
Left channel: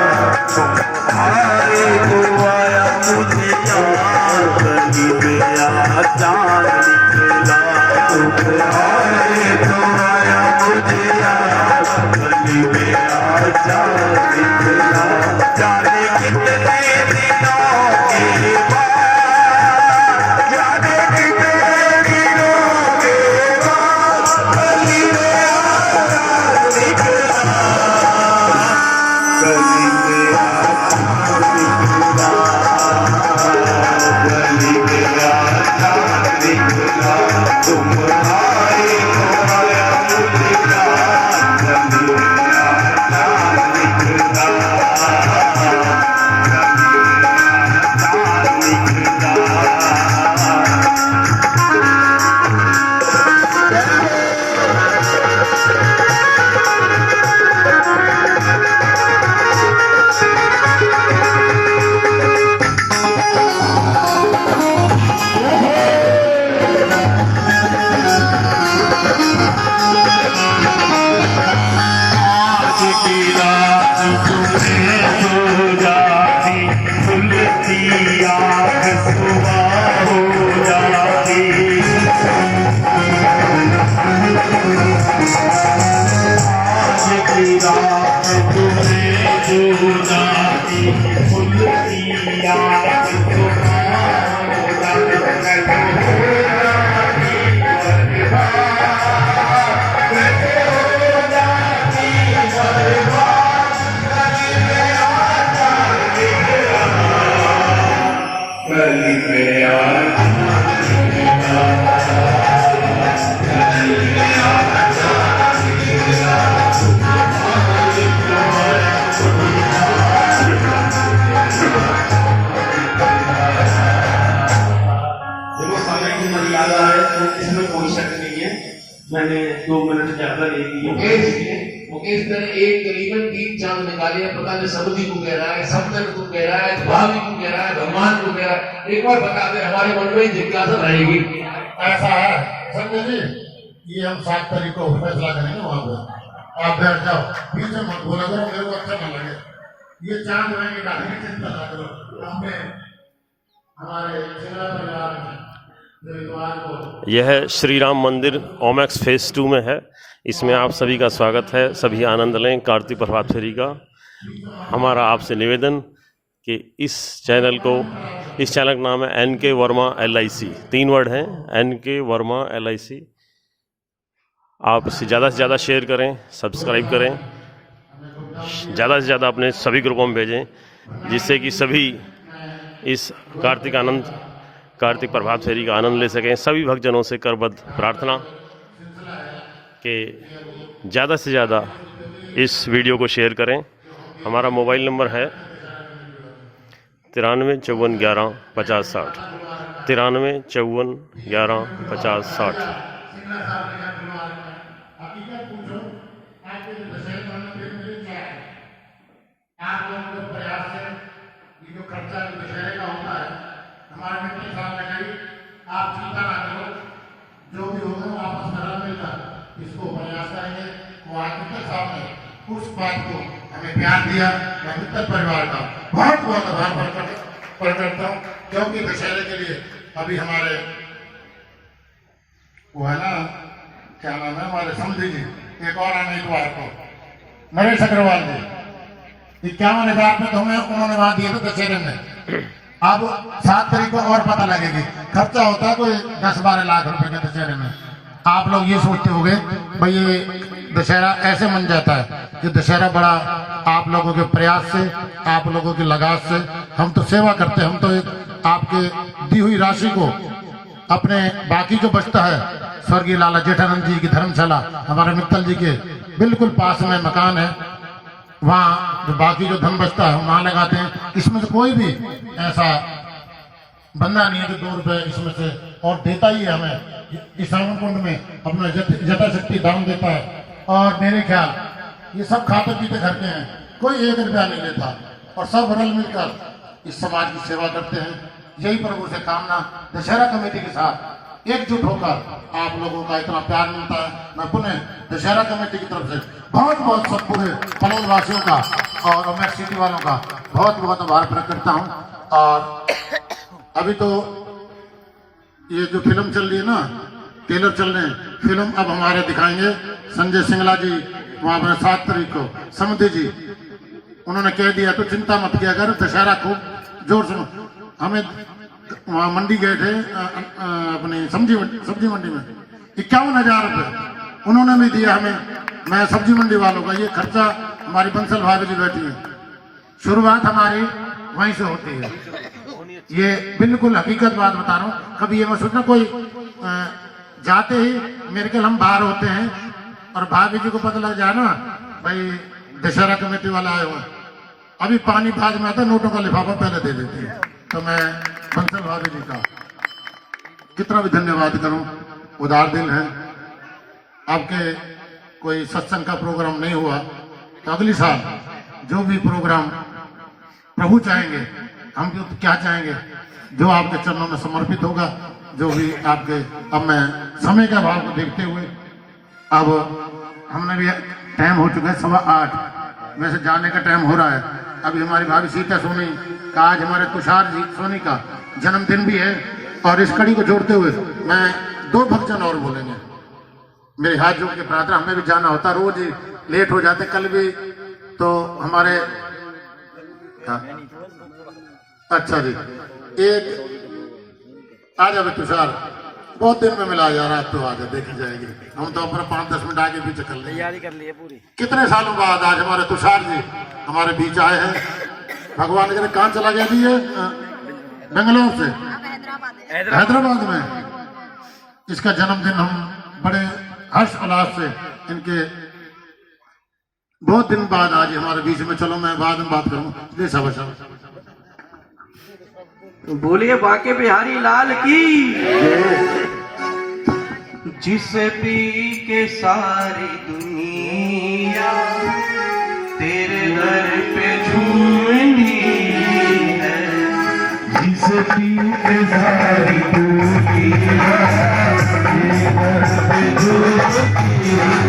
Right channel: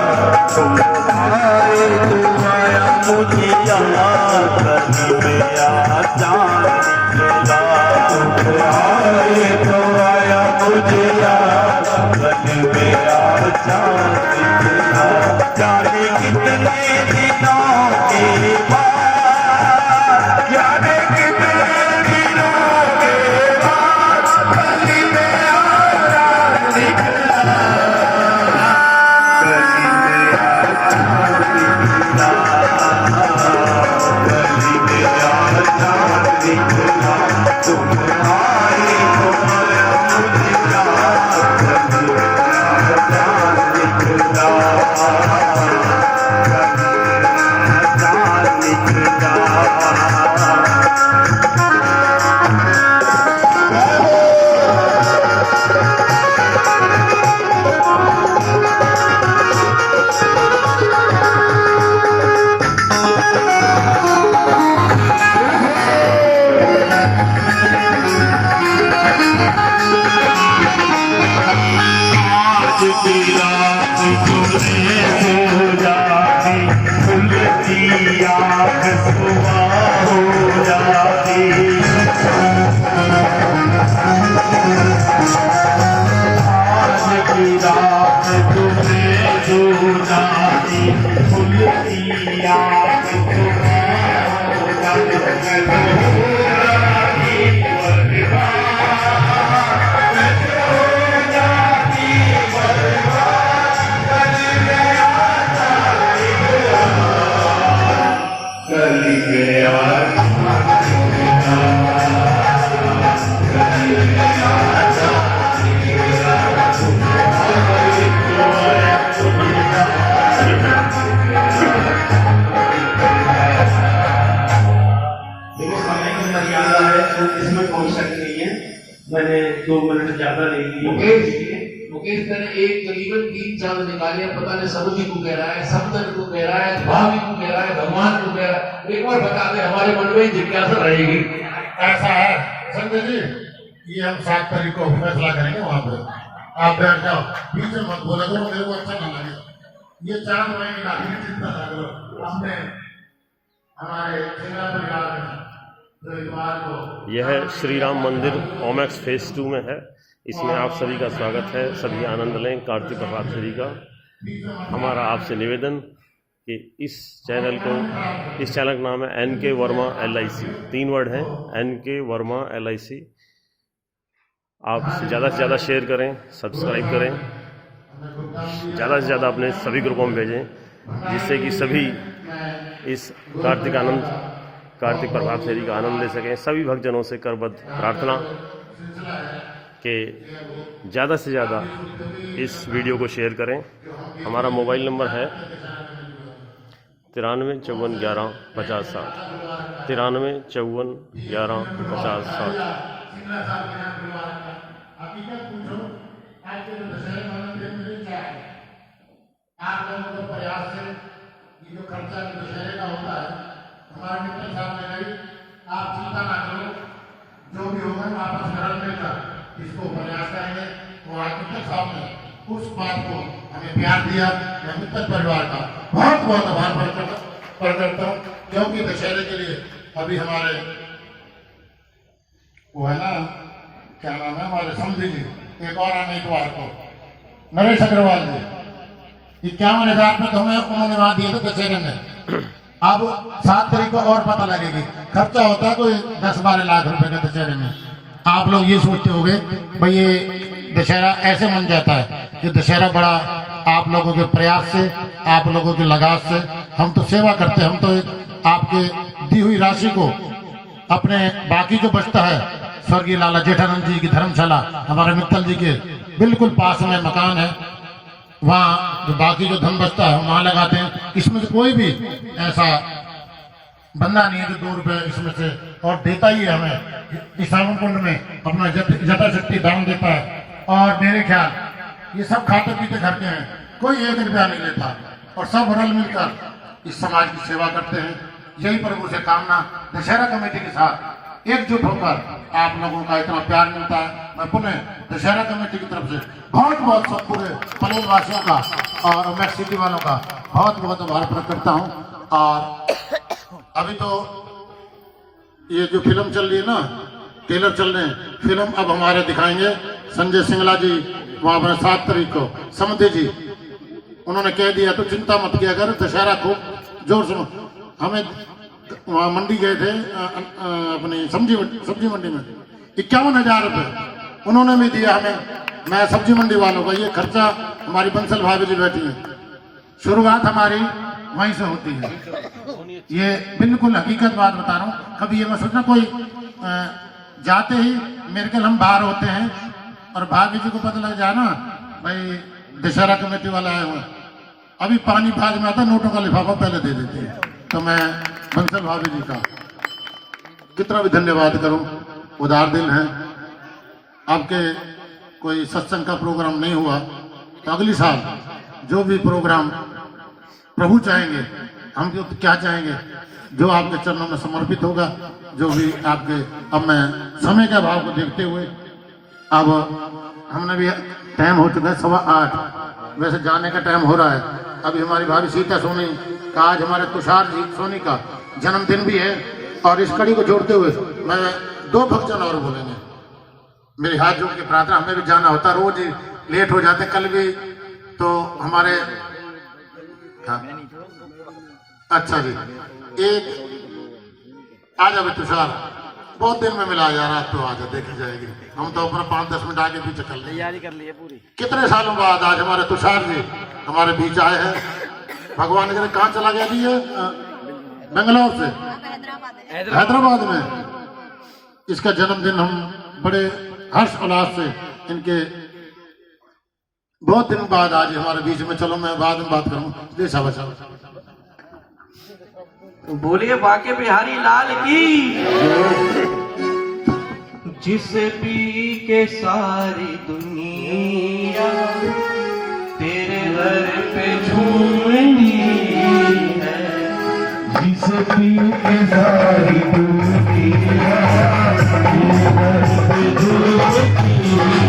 तुम आए तो आया मुझे याद, गली में आज चांद निकला। तुम आए तो आया मुझे याद, गली में आज चांद निकला। जाने कितने दिनों के बाद, जाने कितने दिनों के बाद, गली में आज चांद निकला। गली में आज चांद निकला। गली में आज चांद निकला। तुम आए तो आया मुझे याद, गली में आज चांद निकला। हो जाती खुलती आँख सुबह हो जाती आज की रात तुम्हें हो जाती खुलती आँख सुबह हो जाती मर्यादा है तो इसमें कोई शक नहीं है। मैंने 2 मिनट ज्यादा ले लिए। मुकेश मैंने एक करीबन 3 चांद निकाले हैं, पता नहीं समुद्री को कह रहा है, समुद्र को कह रहा है, भाभी को कह रहा है, भगवान को कह रहा है। एक बार बता दे, हमारे मन में ही जिज्ञासा रहेगी। ऐसा है संजय जी, ये हम 7 तारीख को फैसला करेंगे वहां पे। आप बैठ जाओ, बीच में मत बोले करो, मेरे को अच्छा ना लगे। ये चांद महीने का चिंता ना करो। हमने हमारे जिला परिवार में यह श्री राम मंदिर ओमैक्स फेज 2 में है। इसमें आप सभी का स्वागत है। सभी आनंद लें कार्तिक प्रभात फेरी का। हमारा आपसे निवेदन कि इस चैनल का नाम है NK वर्मा LIC, 3 वर्ड हैं, NK वर्मा LIC। आप इसे ज़्यादा से ज़्यादा शेयर करें, सब्सक्राइब करें, ज़्यादा से ज़्यादा अपने सभी ग्रुपों में भेजें, जिससे कि सभी इस कार्तिक प्रभात फेरी का आनंद ले सकें। सभी भक्तजनों से करबद्ध प्रार्थना कि ज़्यादा से ज़्यादा इस वीडियो को शेयर करें। हमारा मोबाइल नंबर है 93 54 11 50 60, 93 54 11 50 60। हमारे मित्र साहब ने कही आप चिंता ना करो, जो भी होगा वापस घर मिलकर इसको प्रयास करेंगे। वो आज मित्र साहब ने उस बात को हमें प्यार दिया। मैं मित्र परिवार का बहुत बहुत आभार प्रकट करता हूँ, क्योंकि दशहरे के लिए अभी हमारे वो है ना, क्या नाम है, हमारे समझी जी, एक और आने इतवार को नरेश अग्रवाल जी 51,000 रुपये तो हमें उन्होंने वहां दिए थे दशहरे में। अब 7 तारीख को और पता लगेगी। खर्चा होता है कोई 10-12 लाख रुपए का दशहरे में। आप लोग ये सोचते होंगे भाई ये दशहरा ऐसे मन जाता है कि दशहरा बड़ा आप लोगों के प्रयास से, आप लोगों की लगाव से हम तो सेवा करते हैं। हम तो आपके दी हुई राशि को अपने बाकी जो बचता है, स्वर्गीय लाला जेठानंद जी की धर्मशाला हमारे मित्तल जी के बिल्कुल पास में मकान है, वहाँ जो बाकी जो धन बचता है वहाँ लगाते हैं। इसमें से कोई भी ऐसा बंदा नहीं है जो 2 रुपए इसमें से और देता ही है हमें। इस सावन कुंड में अपना यथाशक्ति दान देता है। और मेरे ख्याल ये सब खाते पीते घर के हैं, कोई 1 रुपया नहीं लेता और सब रल मिलकर इस समाज की सेवा करते हैं। यही प्रभु से कामना, दशहरा कमेटी के साथ एकजुट होकर आप लोगों का इतना प्यार मिलता है। मैं पुनः दशहरा कमेटी की तरफ से बहुत बहुत सब पूरे पलेल वासियों का और ओमैक्स सिटी वालों का बहुत बहुत आभार प्रकट करता हूँ। और अभी तो ये जो फिल्म चल रही है ना, ट्रेलर चल रहे हैं, फिल्म अब हमारे दिखाएंगे संजय सिंगला जी वहाँ पर 7 तारीख को। समझे जी उन्होंने कह दिया तो चिंता मत किया कर, दशहरा खूब जोर से। हमें वहाँ मंडी गए थे अपनी सब्जी मंडी में 51,000 रुपये उन्होंने भी दिया हमें। मैं सब्जी मंडी वालों का ये खर्चा, हमारी बंसल भाभी जी बैठी है, शुरुआत हमारी वहीं से होती है। ये बिल्कुल हकीकत बात बता रहा हूँ। कभी ये मैं सोचना कोई जाते ही मेरे ख्याल हम बाहर होते हैं और भाभी जी को पता लग जाए ना भाई दशहरा कमेटी वाला आए हुए, अभी पानी भाग में आता, नोटों का लिफाफा पहले दे देती है। तो मैं बंसल भाभी जी का कितना भी धन्यवाद करूं, उदार दिल है। आपके कोई सत्संग का प्रोग्राम नहीं हुआ तो अगली साल जो भी प्रोग्राम प्रभु चाहेंगे, हम जो क्या चाहेंगे, जो आपके चरणों में समर्पित होगा, जो भी आपके। अब मैं समय के अभाव को देखते हुए अब हमने भी टाइम हो चुका है 8:15, में से जाने का टाइम हो रहा है। अभी हमारी भाभी सीता सोनी का आज हमारे तुषार जी सोनी का जन्मदिन भी है और इस कड़ी को जोड़ते हुए मैं 2 भक्तजन और बोलेंगे। मेरे हाथ जोड़ के प्रार्थना, हमें भी जाना होता, रोज ही लेट हो जाते, कल भी तो हमारे हाँ अच्छा जी एक आ जाओ तुषार, बहुत दिन में मिला यार, आज तो आजा, देखी जाएगी। हम तो अपना 5-10 मिनट आगे पीछे कर लेंगे, तैयारी कर लिए पूरी। कितने सालों बाद आज हमारे तुषार जी हमारे बीच आए हैं। भगवान करे कहाँ चला गया जी? ये बेंगलोर से हैदराबाद में इसका जन्मदिन हम बड़े हर्ष उल्लास से इनके बहुत दिन बाद आज हमारे बीच में। चलो मैं बाद में बात करूँ, जय सब बोलिए बाके बिहारी लाल की। जिसे पी के सारी दुनिया तेरे दर पे झूमनी है, जिसे पी के सारी दुनिया तेरे दर पे झूमनी है।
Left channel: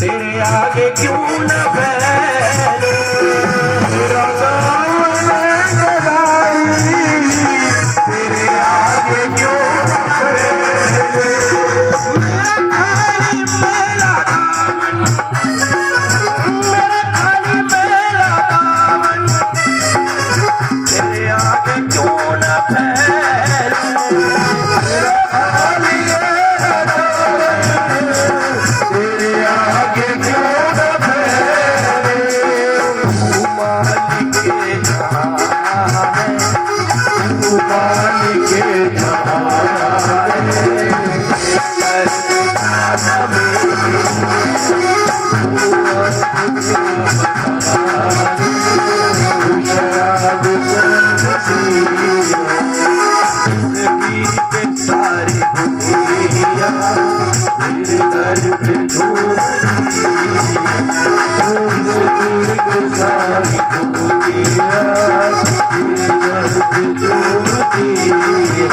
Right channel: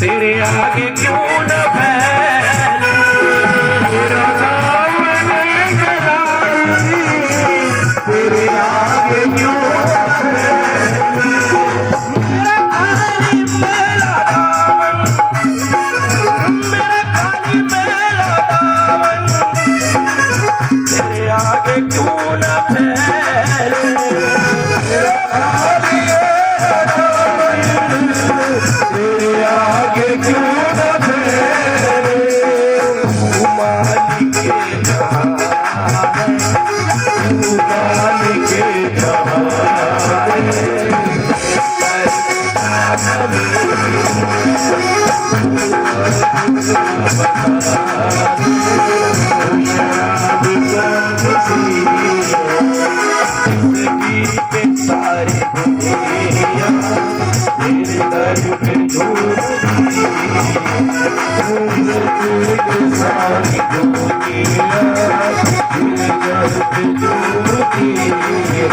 तेरे आगे क्यों न फैला, तेरा खुशी है जिंदगी के सारी दुनिया तेरे दर पे ढूंढती है जिंदगी के सारी दुनिया तेरे दर पे ढूंढती है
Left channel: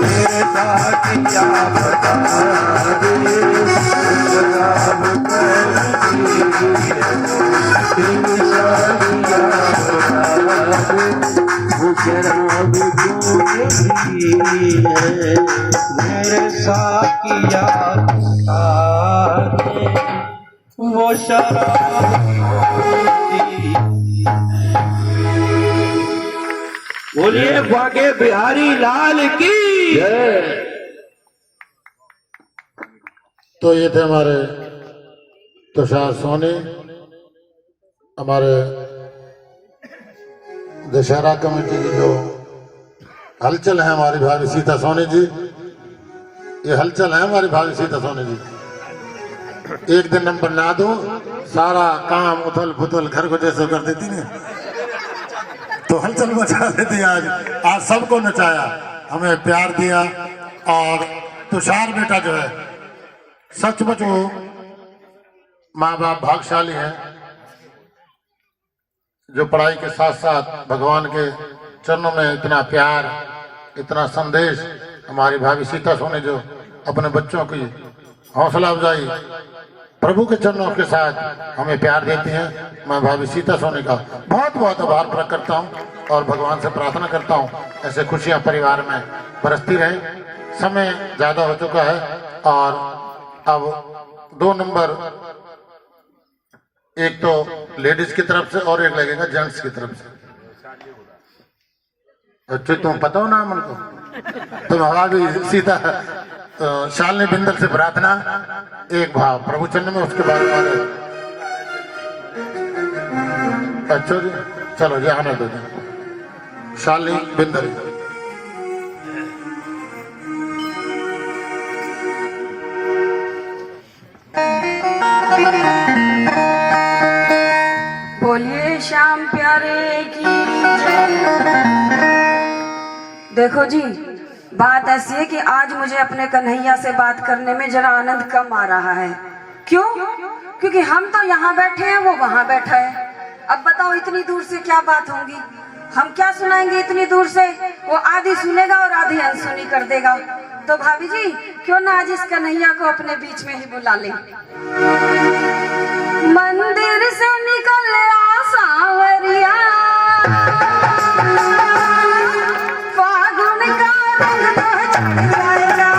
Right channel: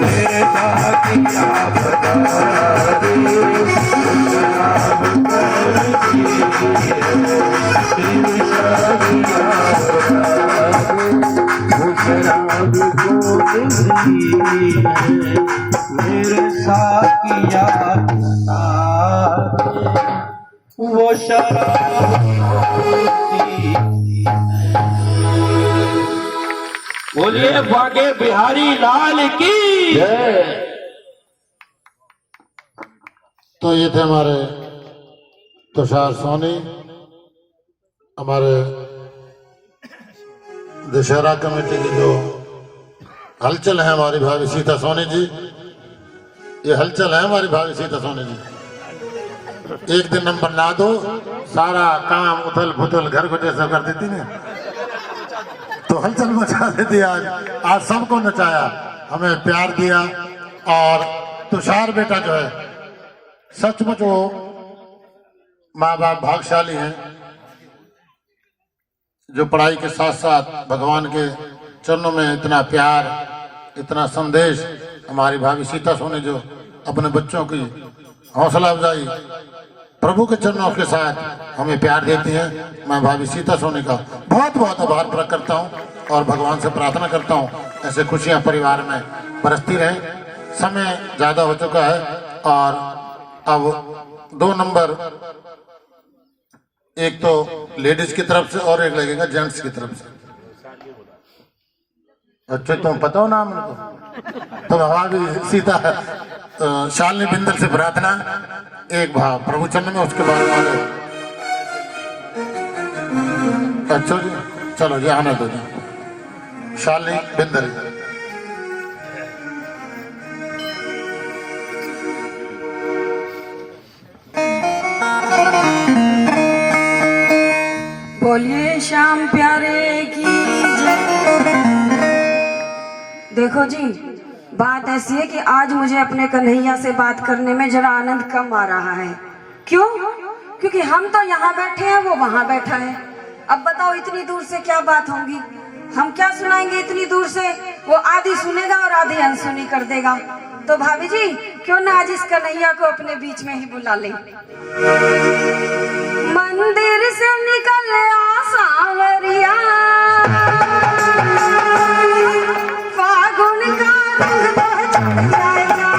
मेरे साथ क्या बता दे मेरे साथ याद वो शराब बोलिए बागे बिहारी लाल की तो ये थे हमारे तुषार सोनी, हमारे दशहरा कमेटी की जो हलचल है हमारी भाभी सीता सोनी जी, ये हलचल है हमारी भाभी सीता सोनी जी। एक दिन नंबर ना दो, सारा काम उथल पुथल घर को जैसे कर देती ना, तो हलचल मचा देती। आज सबको नचाया, हमें प्यार दिया। और तुषार बेटा जो है सचमुच वो माँ बाप भाग्यशाली हैं जो पढ़ाई के साथ साथ भगवान के चरणों में इतना प्यार, इतना संदेश, हमारी भाभी सीता सोनी जो अपने बच्चों की हौसला अफजाई प्रभु के चरणों के साथ हमें प्यार देती हैं। मैं भाभी सीता सोनी का बहुत बहुत आभार प्रकट करता हूं और भगवान से प्रार्थना करता हूं ऐसे खुशियां परिवार में बरसती रहें। समय ज्यादा हो चुका है और अब 2 नंबर, एक तो लेडीज की तरफ से और एक लगेगा जेंट्स की तरफ से। अच्छा तुम पता हो नाम उनको, तो भाभी सीता शालिनी बिंदल से प्रार्थना, एक भाव प्रभु चरण में, उसके बाद वाले। अच्छा जी, चलो जी आना दो जी, शालिनी बिंदल। बोलिए श्याम प्यारे की जय। देखो जी, बात ऐसी है कि आज मुझे अपने कन्हैया से बात करने में जरा आनंद कम आ रहा है। क्यों? क्योंकि हम तो यहाँ बैठे हैं, वो वहाँ बैठा है। अब बताओ इतनी दूर से क्या बात होगी, हम क्या सुनाएंगे इतनी दूर से? वो आधी सुनेगा और आधी अनसुनी कर देगा। तो भाभी जी क्यों ना आज इस कन्हैया को अपने बीच में ही बुला ले। मंदिर से निकल सांवरिया, फागुन का रंग चढ़ जा।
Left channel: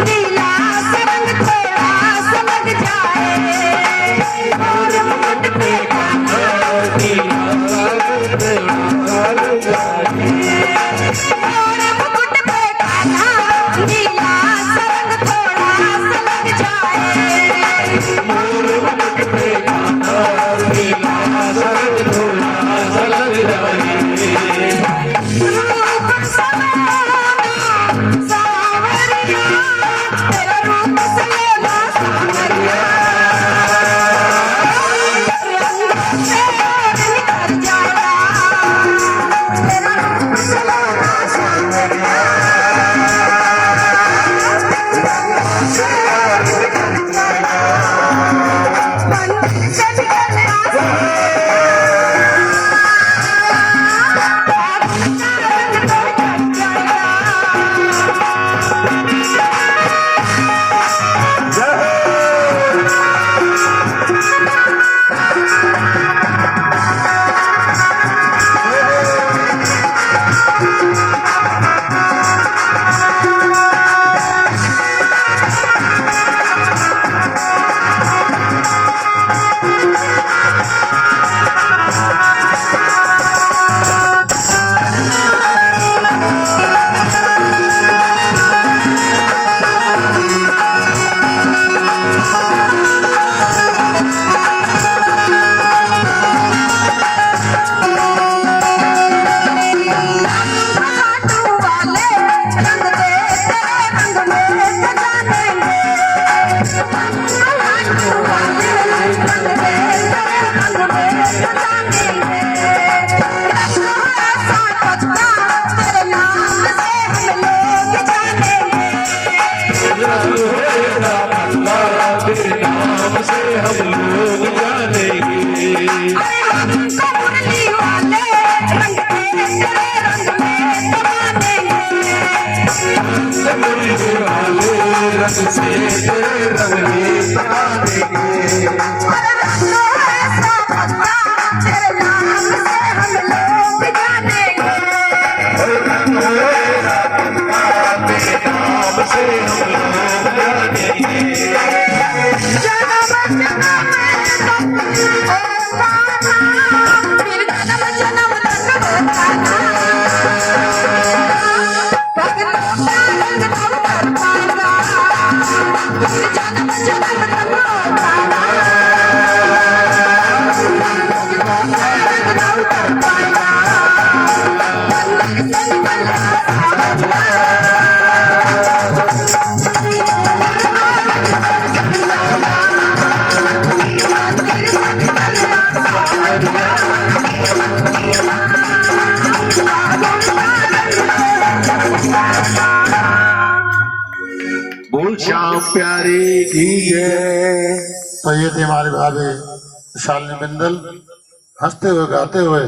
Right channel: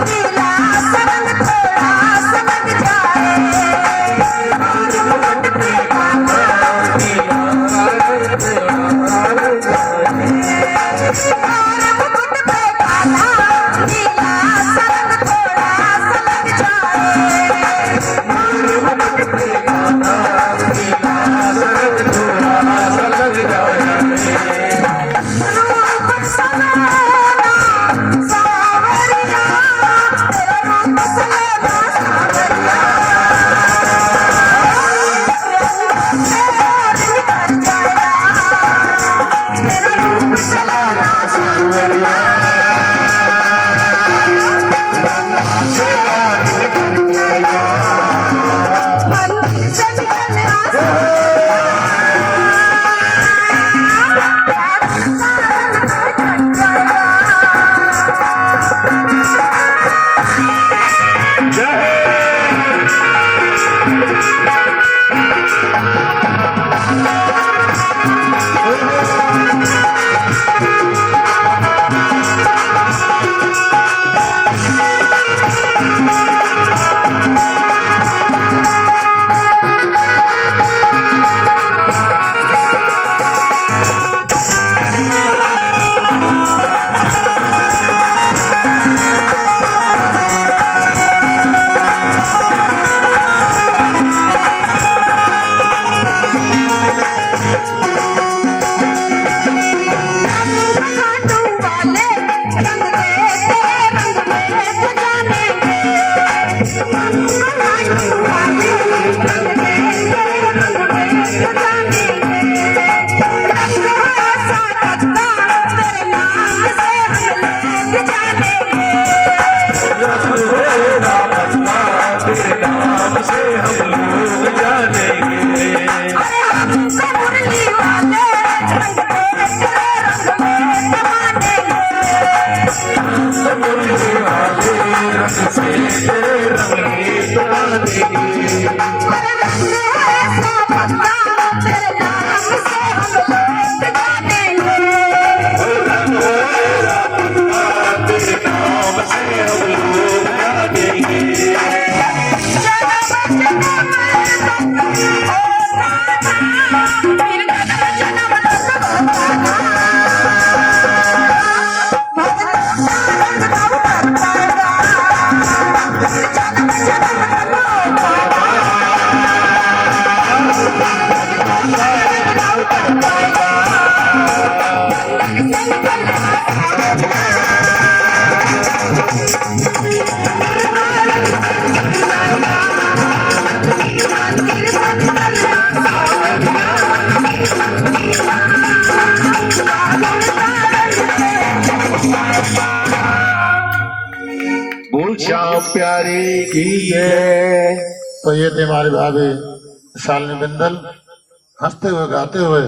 नीला संग थोड़ा समझ जाए। प्यारी की है। तो ये थी हमारी भाभी शालिनी बिंदल, हंसते हुए गाते हुए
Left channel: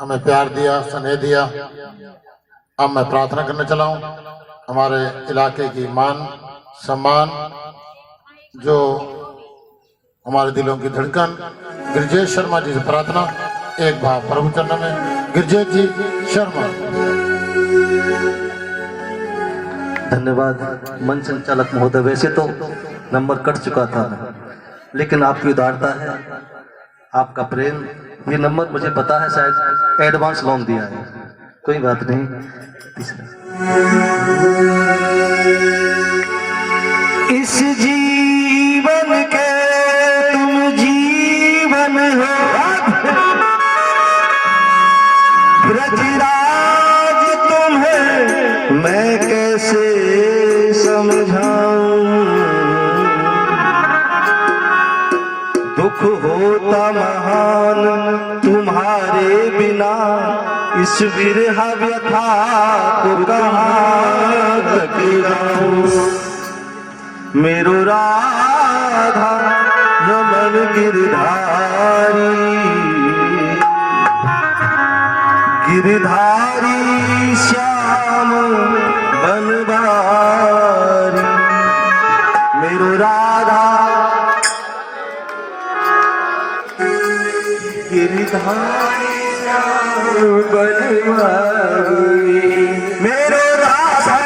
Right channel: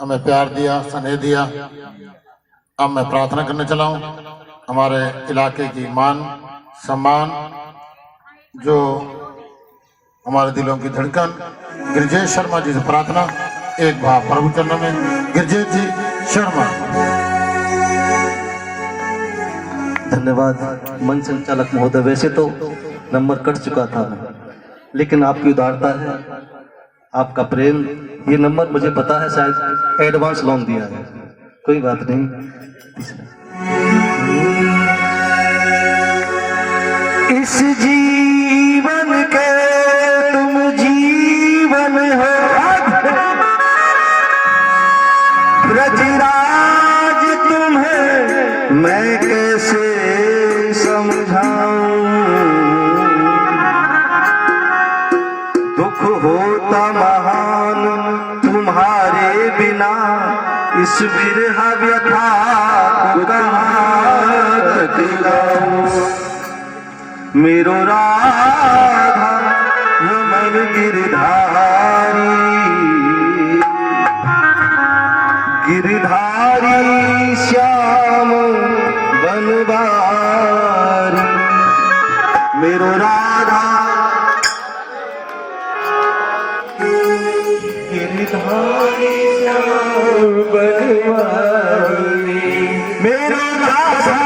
हमें प्यार दिया, स्नेह दिया। अब मैं प्रार्थना करने चला हूँ हमारे इलाके की मान सम्मान, जो हमारे दिलों की धड़कन, गिरजेश शर्मा जी से प्रार्थना, एक भाव प्रभु चरणों में। गिरजेश जी शर्मा। धन्यवाद मंच संचालक महोदय। वैसे तो नंबर कट चुका था, लेकिन आपकी उदारता है, आपका प्रेम, ये नंबर मुझे पता है शायद एडवांस लोन दिया है, कोई बात नहीं। इस जीवन के तुम जीवन हो, ब्रजराज तुम्हें मैं कैसे समझाऊं। दुख होता महान तुम्हारे बिना, इस विरह व्यथा को कहाँ तकलाऊं। मेरो राधा रमन गिरधारी, गिरधारी श्याम बनवारी। मेरो राधा गिरधारी श्याम बनवारी। मेरो राधा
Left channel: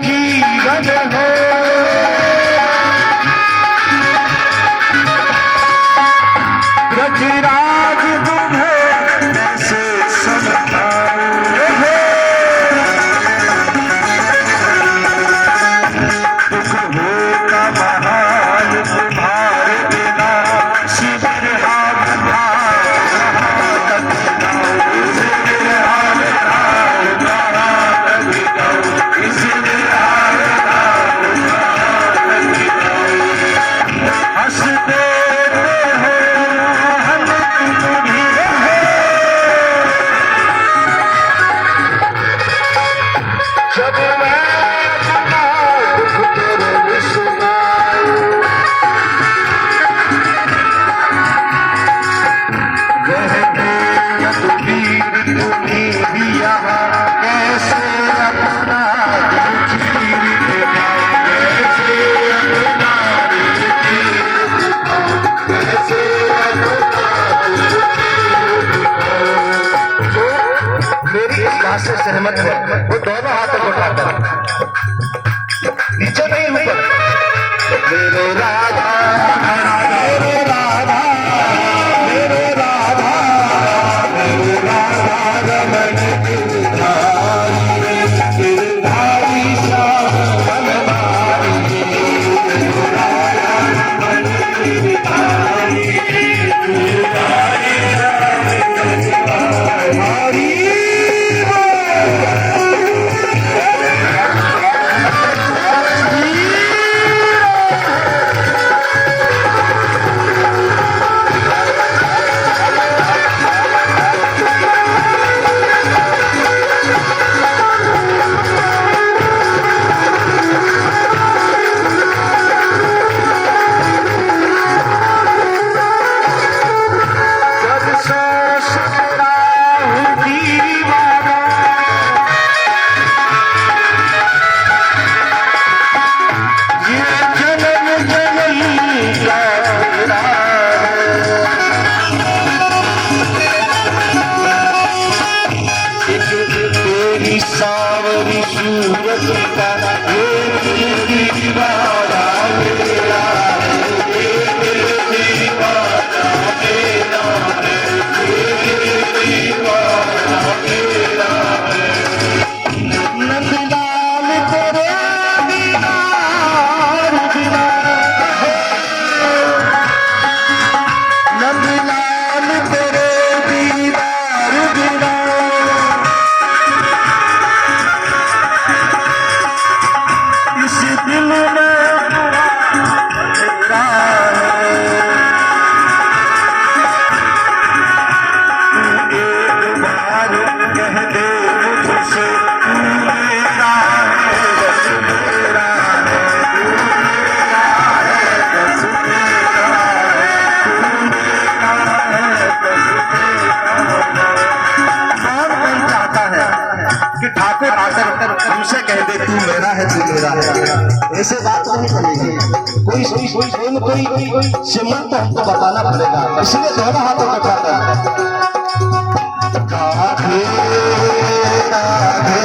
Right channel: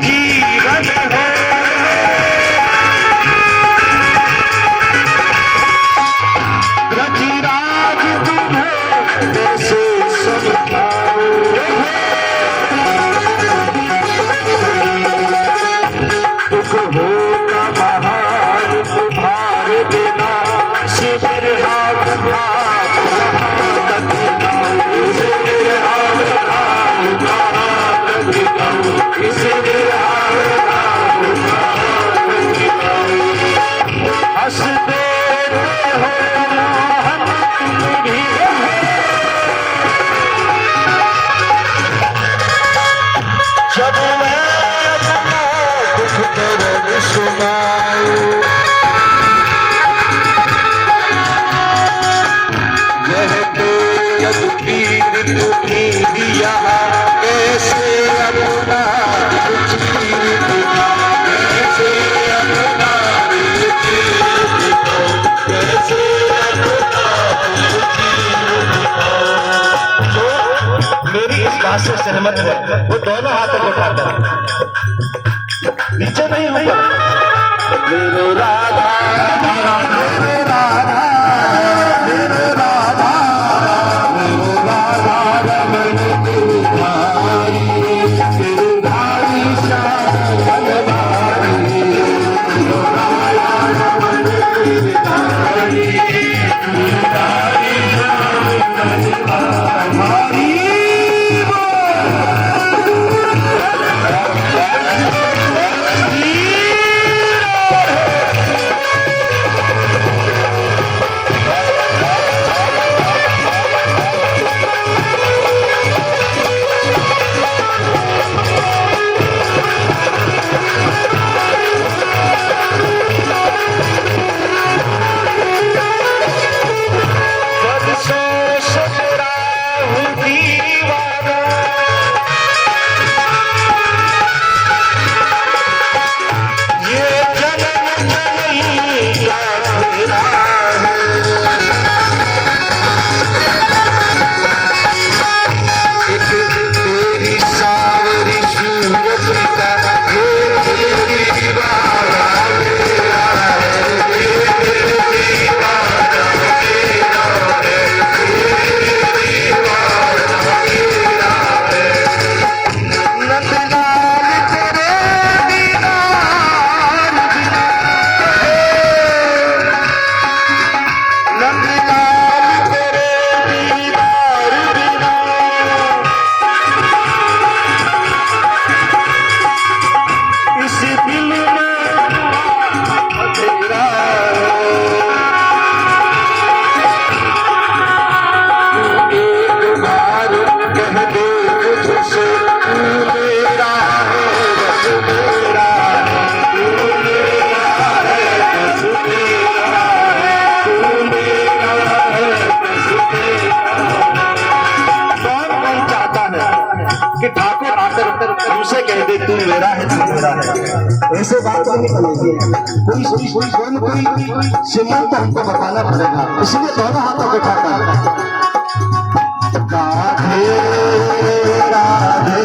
जीवन है। रतिराज दिन है कैसे समझाओ है। दुख होता महान तुम्हारे बिना शिविर हाथ जब मैं दुख दर्द सुनाऊं वह बेअद पीर तुम्हें भी यहाँ कैसे अपना दिल चीर दिखाऊं, कैसे अपना दिल चीर दिखाऊं, कैसे अपना दिल चीर दिखाऊं। जो मेरी इस बात से सहमत है वो दोनों हाथों को उठाकर नीचे नहीं ऊपर। मेरे राधा मेरे राधा मेरे राधा मेरे राधा मेरे भाई कि ठाकुर आकर हमसे कह दे तू मेरा है तू मेरा है, ऐसे बात तो नहीं चलेगी। कोई सिमरन तो हमको बताना पड़ेगा, इसलिए दोनों हाथों को उठाकर राधे राधे राधे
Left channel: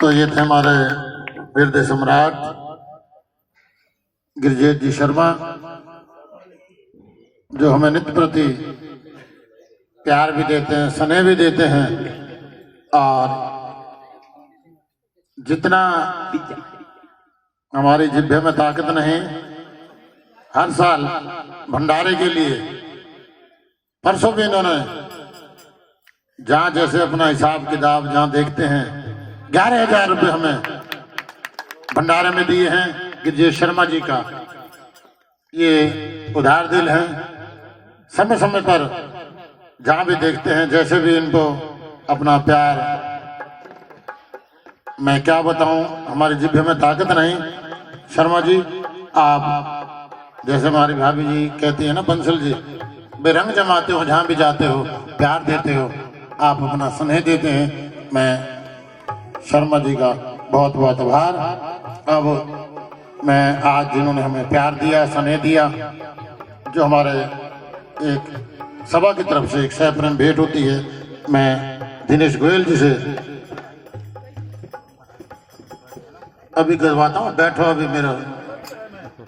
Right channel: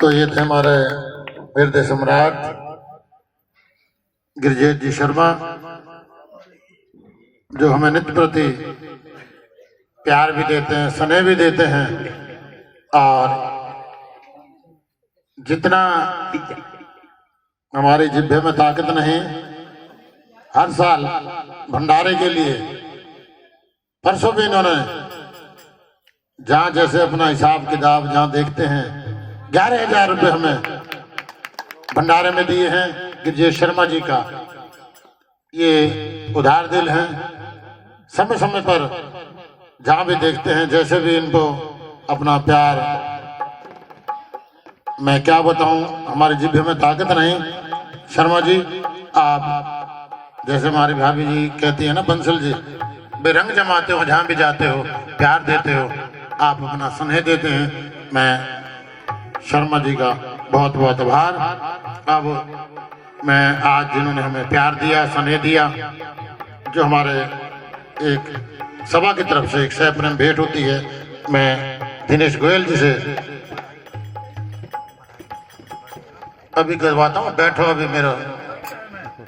तो ये थे हमारे हृदय सम्राट गिरिजेश जी शर्मा, जो हमें नित्य प्रति प्यार भी देते हैं, स्नेह भी देते हैं, और जितना हमारी जिह्वे में ताकत नहीं, हर साल भंडारे के लिए परसों भी इन्होंने जहां जैसे अपना हिसाब किताब जहां देखते हैं 11,000 रुपये हमें भंडारे में दिए हैं गिरिजेश शर्मा जी का। ये उदार दिल है, समय समय पर जहां भी देखते हैं, जैसे भी इनको अपना प्यार, मैं क्या बताऊं, हमारी जिह्वे में ताकत नहीं। शर्मा जी, आप जैसे हमारी भाभी जी कहती है ना, बंसल जी, बेरंग जमाते हो, जहां भी जाते हो प्यार देते हो, आप अपना स्नेह देते हैं। मैं शर्मा जी का बहुत बहुत आभार। अब मैं आज जिन्होंने हमें प्यार दिया, स्नेह दिया, जो हमारे एक सभा की तरफ से एक सह प्रेम भेंट होती है, मैं दिनेश गोयल जी से अभी करवाता हूँ। बैठो, अभी मेरा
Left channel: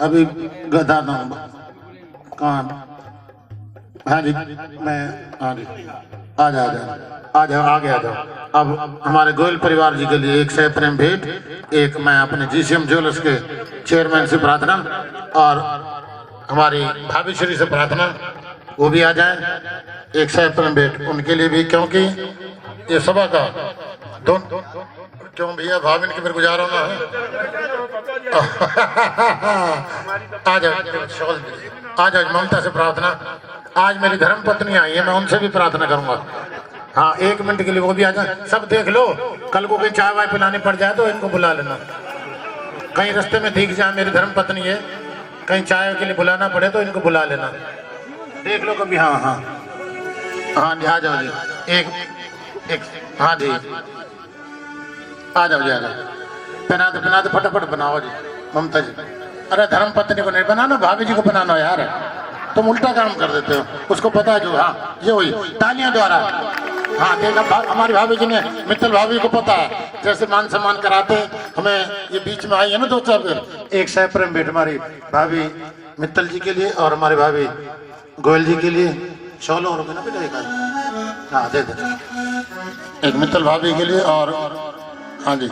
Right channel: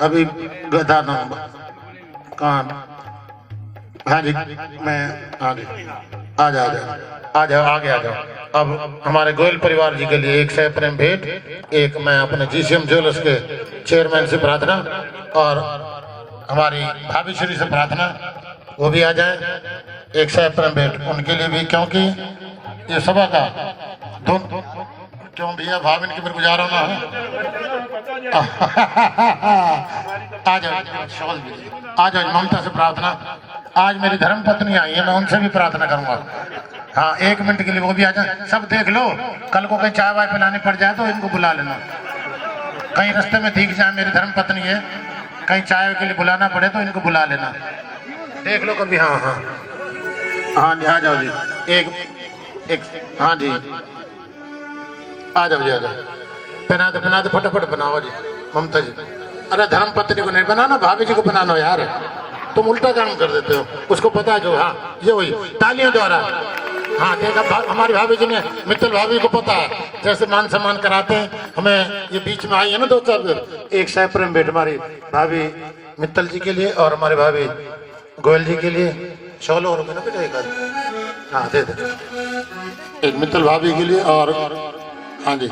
अभी गधा नाम कहाँ, हाँ जी, मैं हाँ जी, आ जाओ आगे आ जाओ। अब हमारे गोयल परिवार जी के लिए एक सह प्रेम भेंट, एक मैं अपने GCM ज्वेलर्स के चेयरमैन से प्रार्थना, और हमारी भाभी श्री से प्रार्थना, वो भी आ जाए। एक सह प्रेम भेंट उनके लिए भी, क्योंकि ये सभा का क्यों भैया, भाभी की फिर गुजारा ना है। आ जाओ, ममता से प्रार्थना। आज मेरी धर्म पत्नी आई है, मैं उनसे भी प्रार्थना करूंगा। हाँ, 1 मिनट के लिए वो भी आ जाए। सब देख लो, कल को कहीं चाय वाय पिलानी पड़ जाए तो इनको बुला लेना। कहीं रास्ते में दिख जाए, मेरी धर्म पत्नी है, कहीं चाय के लिए बुलाना पड़े तो इनको बुला लेना। देख लो कभी। हाँ हाँ हाँ जी, आ जाओ जी। एक हाँ जी, आ जाओ जी, आ जाओ। पहना दो, फटाफट बनाओ जी ममता जी। अरे धर्म पत्नी को नहीं बनाना, भाभी जी को बनाना यार। तुम उल्टा काम कर देते हो, उसको पता है जो। हाँ, ये हुई तालियों द्वारा। हाँ, देखा हमारी भाभी जी ने, मित्तल भाभी को पता है, जैसे मान सम्मान कराते हैं हमें। ये बीच में आई है ना 2-4 बार। एक सह प्रेम भेंट हमारी भाभी मित्तल जी के लिए और हमारे भाभी गोयल जी के लिए। 100 रुपये ना बेटा, एक हाँ दे दे, एक मित्तल भाभी के लिए। और हाँ जी,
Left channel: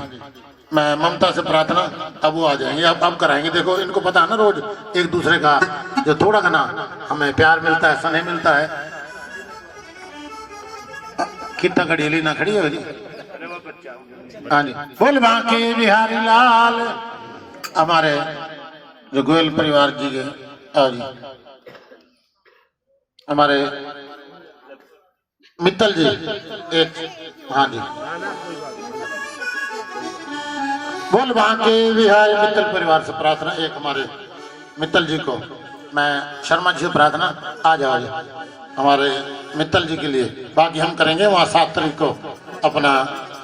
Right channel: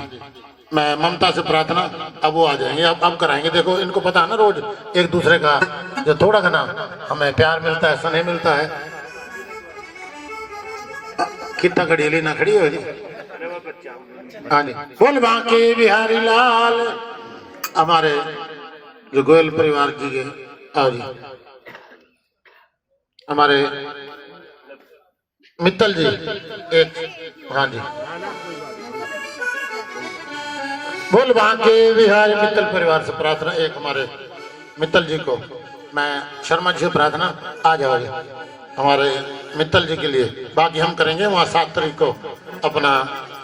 मैं ममता से प्रार्थना, अब वो आ जाएंगे, अब कराएंगे। देखो इनको पता है ना, रोज एक दूसरे का जो थोड़ा घना हमें प्यार मिलता है, स्नेह मिलता है। कितना घड़ियली ना खड़ी हो जी। हाँ जी, बोल बांके बिहारी लाल। हमारे जो गोयल परिवार जी के, हाँ जी, हमारे मित्तल जी एक, हाँ जी, बोल बांके बिहारी मित्तल परिवार से प्रार्थना। एक हमारे मित्तल जी को, मैं शर्मा जी से प्रार्थना, आ जाओ जी हमारे मित्तल जी के लिए। बाकी हम करेंगे वहाँ 7 तारीख को अपना